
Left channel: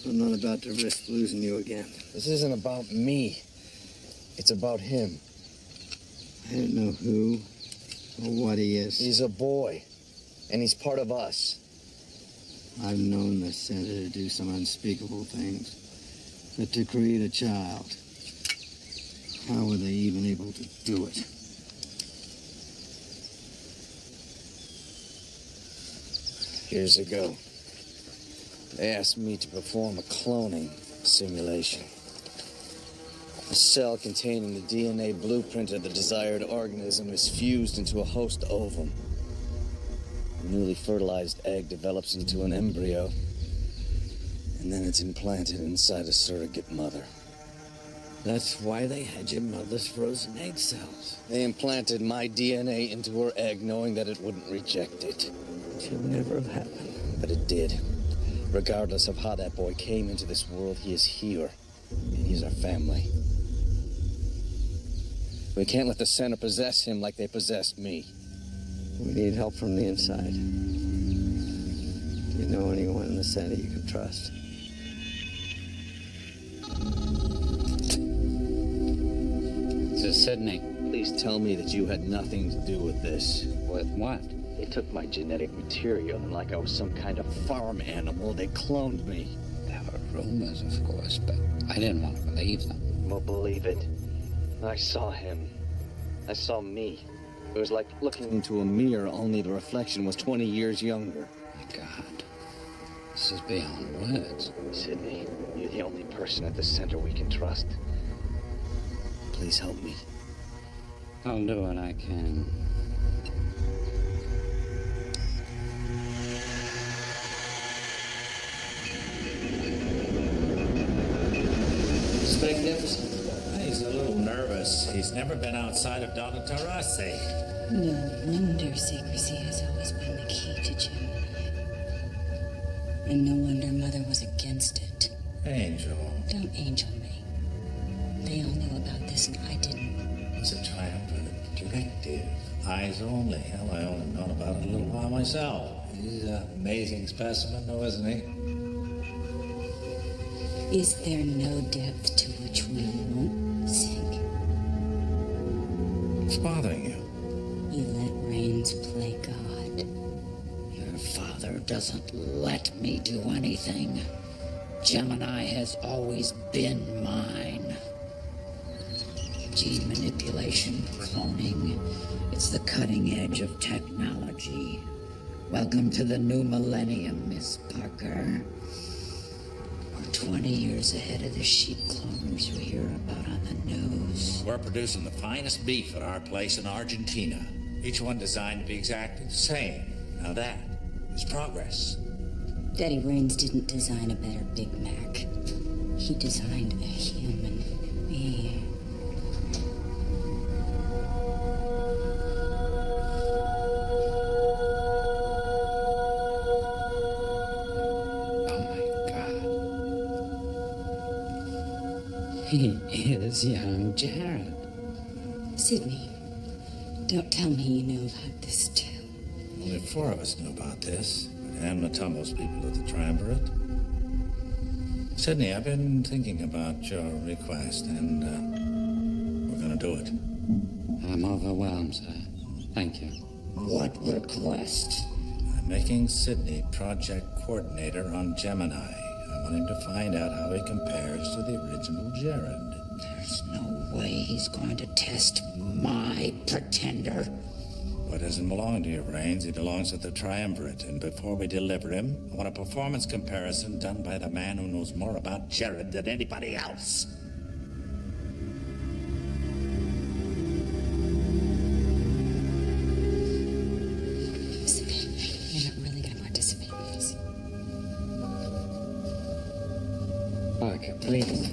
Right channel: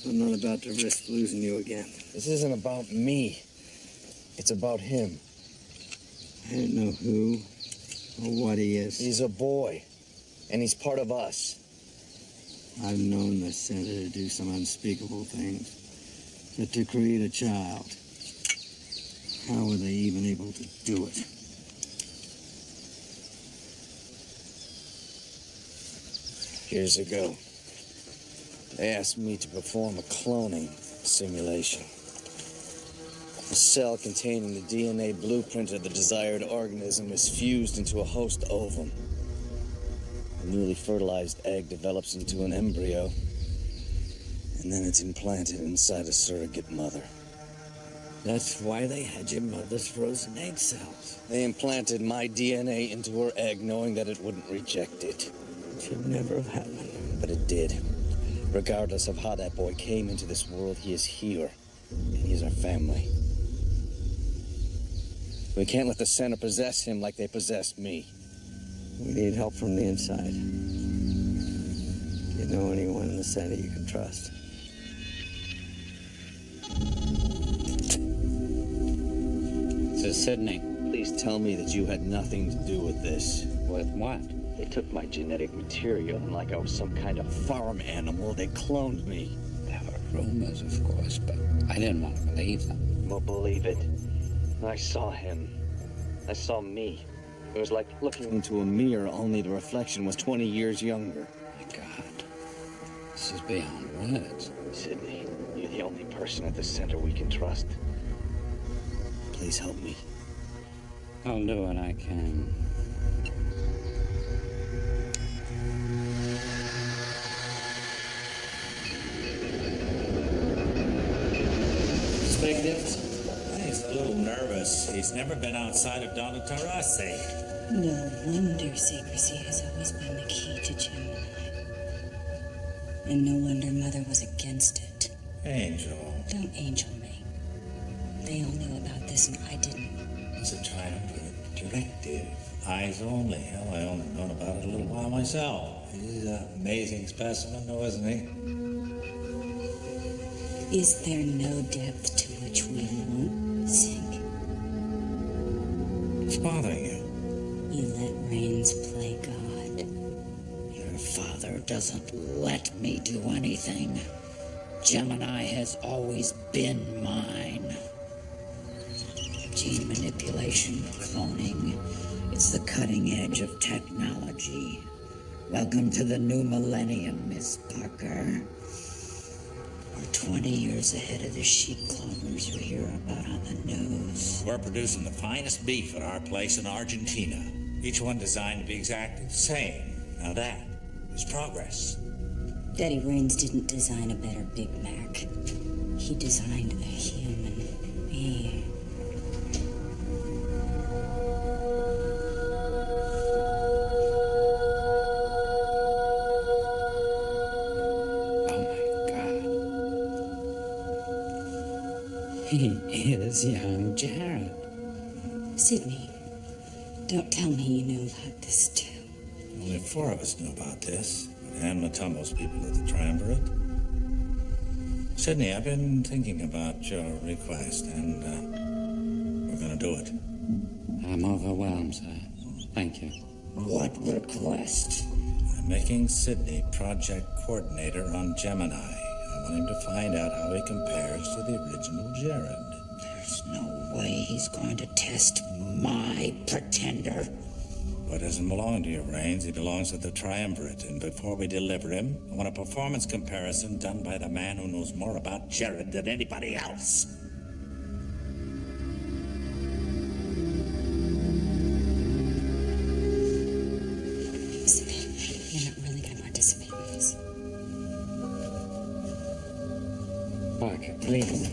I'm not about to risk losing you again. This isn't about me. It's about him. I don't know who or what he is. He's a boy, and he's part of us. I've known the center to do some unspeakable things, but to create a child, how were they even able to do it? Years ago, they asked me to perform a cloning simulation. A cell containing the DNA blueprint of the desired organism is fused into a host ovum. A newly fertilized egg develops into an embryo, and then it's implanted inside a surrogate mother. That's why they had your mother's frozen egg cells. They implanted my DNA into her egg, knowing that it wouldn't reject it. It should never have happened. But it did. Regardless of how that boy came into this world, he is here, and he's our family. We can't let the center possess him like they possessed me. We need help from the inside. Do you know anyone in the center you can trust? This is Sydney. Please tell me that you had nothing to do with this. With what? They took my genetic material, and like I was some kind of farm animal, they cloned me. There were rumors, of course, but I didn't want to believe them. Well, believe it. I saw him. I saw me. It was like looking into a mirror, only the reflection was 20 years younger. My God. This is beyond words. Sydney, you're the only person at the center we can trust. Please help me. I'll do what I can. He's magnificent. He's a little nervous. He's never been outside of Donoterase. No wonder secrecy has always been the key to Gemini. And no wonder Mother was against it. Angel. Don't angel me. They all knew about this and I didn't. It was a triumvirate directive. Eyes only. Hell, I only known about it a little while myself. He's an amazing specimen, though, isn't he? Is there no depth to which we won't sink? What's bothering you? You let Rains play God. Your father doesn't let me do anything. Gemini has always been mine. Gene manipulation, cloning, it's the cutting edge of technology. Welcome to the new millennium, Miss Parker. We're 20 years ahead of the sheep cloners we hear about on the news. We're producing the finest beef at our place in Argentina. Each one designed to be exactly the same. Now that is progress. Daddy Rains didn't design a better Big Mac. He designed a human being. Oh my God. He is young Jared. Sidney, don't tell me you knew about this too. Only 4 of us knew about this. And Matumbo's people at the Triumvirate. Sidney, I've been thinking about your request, and we're gonna do it. I'm overwhelmed, sir. Thank you. What request? I'm making Sidney project coordinator on Gemini. I want him to find out how he compares to the original Jared. There's no way he's going to test my pretender. Boy doesn't belong to you, Rains. He belongs to the Triumvirate. And before we deliver him, I want a performance comparison done by the man who knows more about Jared than anybody else. You're not really going to participate in this. Parker, please.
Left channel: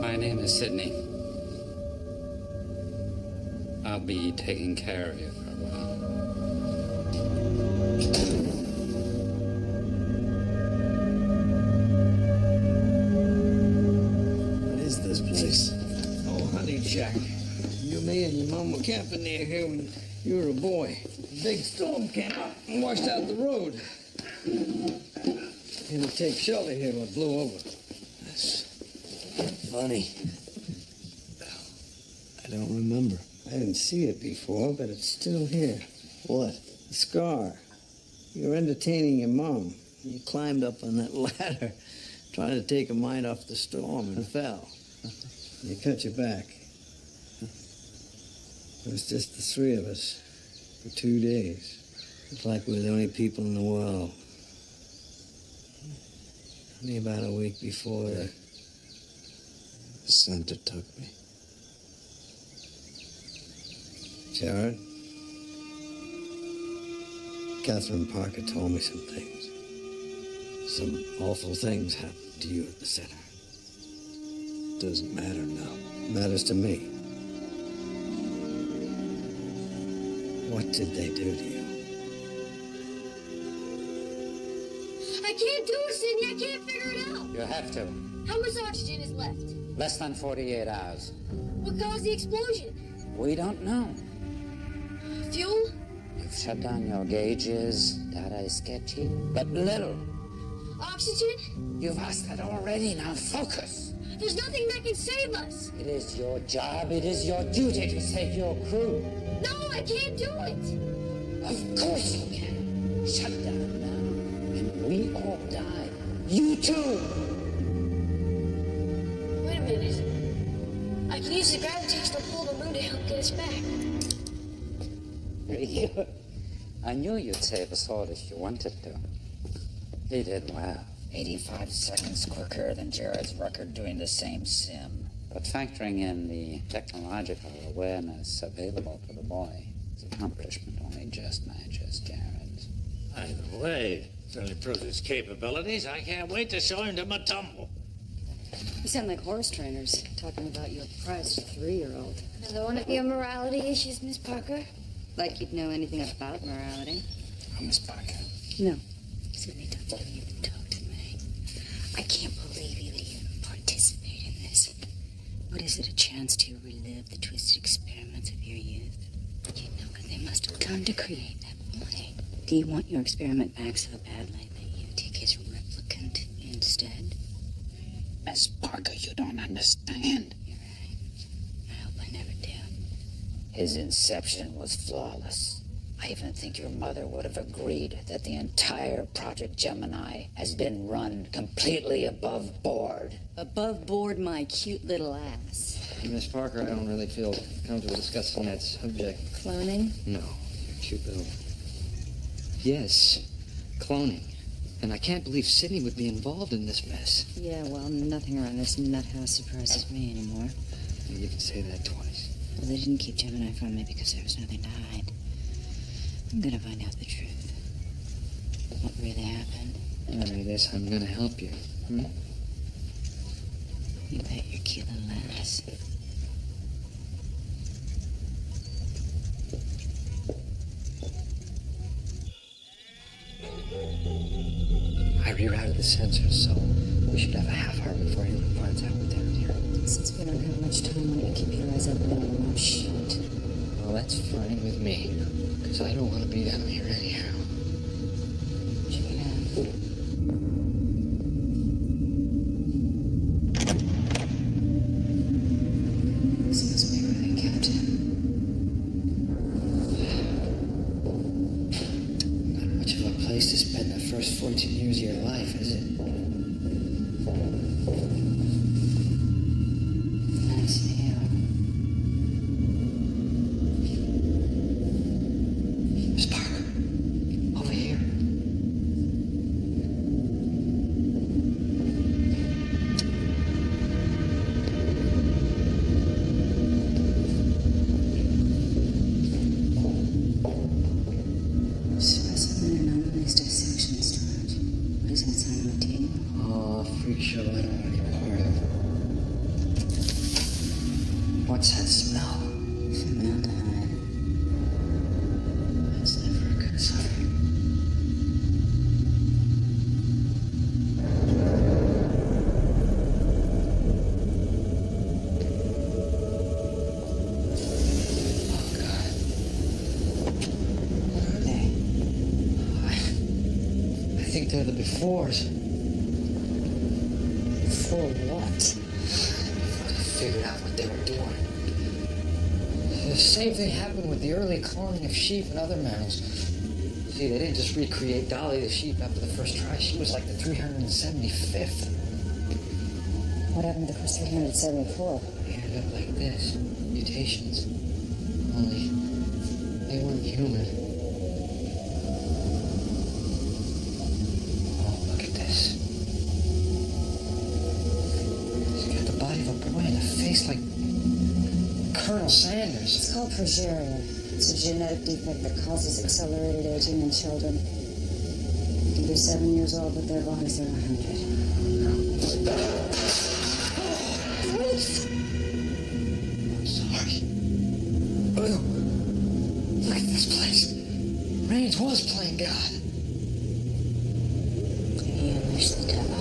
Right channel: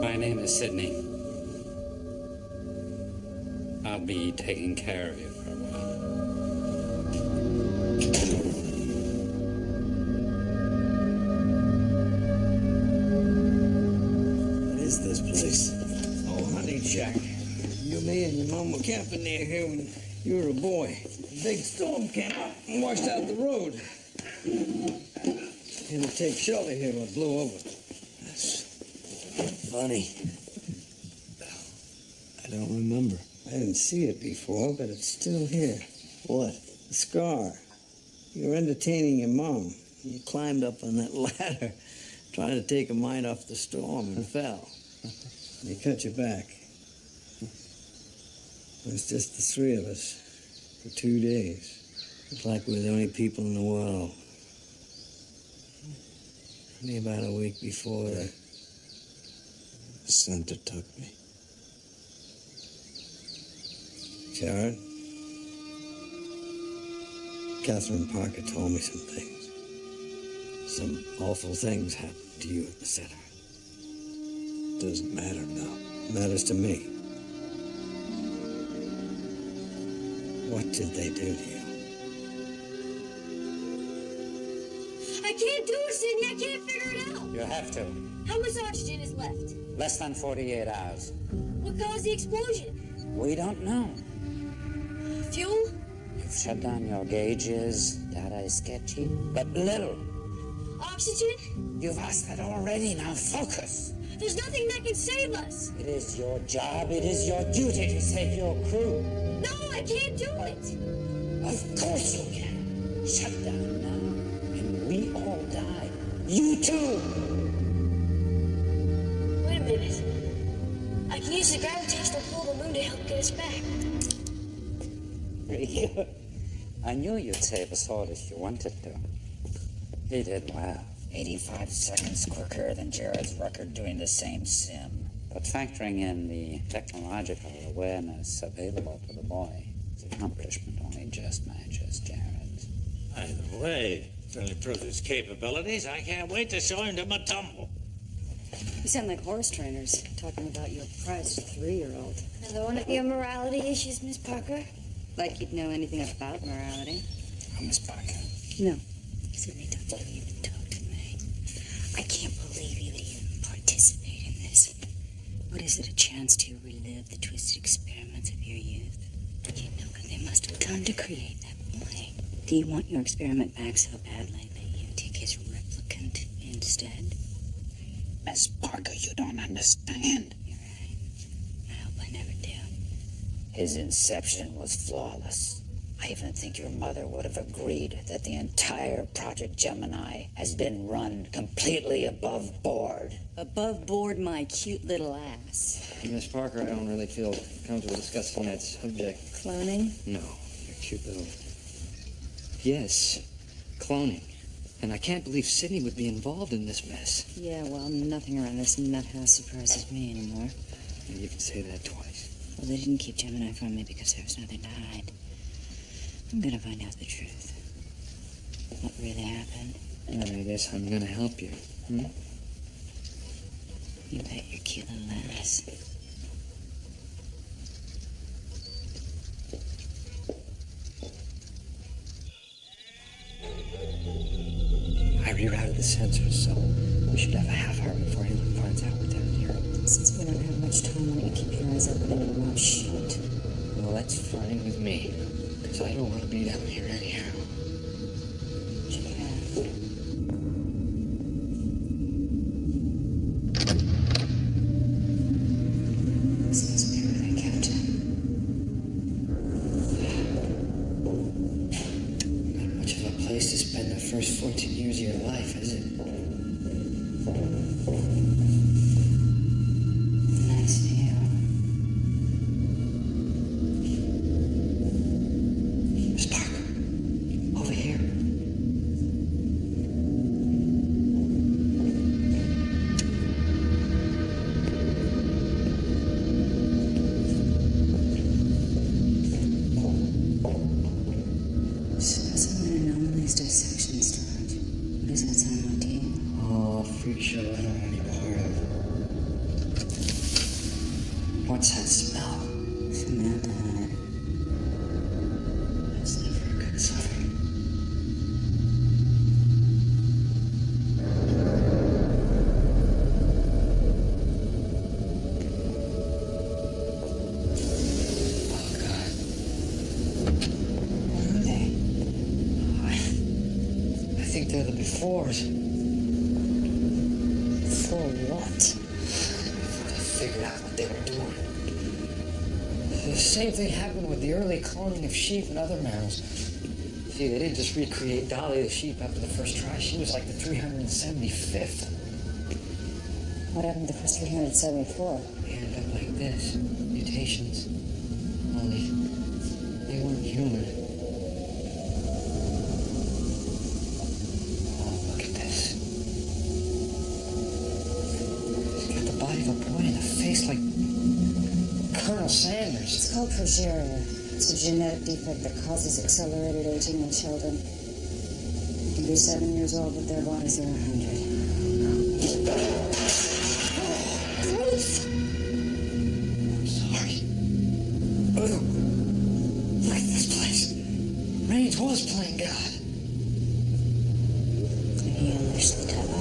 My name is Sidney. I'll be taking care of you for a while. What is this place? Oh, honey, Jack. You, me, and your mom were camping near here when you were a boy. A big storm came up and washed out the road. Had to take shelter here when it blew over. That's funny. I don't remember. I didn't see it before, but it's still here. What? The scar. You were entertaining your mom. You climbed up on that ladder, trying to take her mind off the storm, and fell. You cut your back. It was just the 3 of us for 2 days. It was like we were the only people in the world. Only about a week before the center took me. Jared, Catherine Parker told me some things. Some awful things happened to you at the center. Doesn't matter now. Matters to me. What did they do to you? I can't do it, Sidney. I can't figure it out. You have to. How much oxygen is left? Less than 48 hours. What caused the explosion? We don't know. Fuel? You've shut down your gauges. Data is sketchy, but little. Oxygen? You've asked that already. Now focus. There's nothing that can save us. It is your job. It is your duty to save your crew. No, I can't do it. Of course you can. Shut down now, and we all die. You too. Wait a minute. I can use the gravitational pull of the moon to help get us back. Really? I knew you'd save us all if you wanted to. He did well. 85 seconds quicker than Jared's record doing the same sim. But factoring in the technological awareness available to the boy, his accomplishment only just matches Jared's. Either way, certainly proves his capabilities. I can't wait to show him to Matumbo. You sound like horse trainers talking about your prized 3-year-old. Another one of your morality issues, Miss Parker? Like you'd know anything about morality. Oh, Miss Parker. No. Sidney, don't you even talk to me. I can't believe you would even participate in this. What is it, a chance to relive the twisted experiments of your youth? You know what they must have done to create that boy. Do you want your experiment back so badly that you take his ripped mutant instead. Miss Parker, you don't understand. You're right. I hope I never do. His inception was flawless. I even think your mother would have agreed that the entire Project Gemini has been run completely above board. Above board my cute little ass. Miss Parker, I don't really feel comfortable discussing that subject. Cloning? No, your cute little... Yes, cloning. And I can't believe Sydney would be involved in this mess. Yeah, well, nothing around this nut house surprises me anymore. You can say that twice. Well, they didn't keep Gemini from me because there was nothing to hide. I'm gonna find out the truth. What really happened. And I guess I'm gonna help you. Hmm? You bet your cute little ass. I rerouted the sensors, so we should have a half hour before anyone finds out we're down here. Since we don't have much time, why don't you keep your eyes open and your mouth shut? Well, that's fine with me, because I don't want to be down here anyhow. Check it out. This must be where they kept him. Not much of a place to spend the first 14 years of your life, is it? Nice view. Miss Parker, over here. Specimen anomalies dissection storage. What does that sound like to you? Oh, a freak show I don't want any part of. What's that smell? Formaldehyde. That's never a good sign. Oh, God. What are they? I think they're the befores. For what? Before they figured out what they were doing. The same thing happened with the early cloning of sheep and other mammals. See, they didn't just recreate Dolly the sheep after the first try. She was like the 375th. What happened to the first 374? They ended up like this. Mutations. Only they weren't human. Oh, look at this. She's got the body of a boy and a face like Colonel Sanders. It's called progeria. It's a genetic defect that causes accelerated aging in children. You can be 7 years old, but their bodies are 100. Ruth! I'm sorry. Oh, look at this place. Raines was playing God. He unleashed the devil.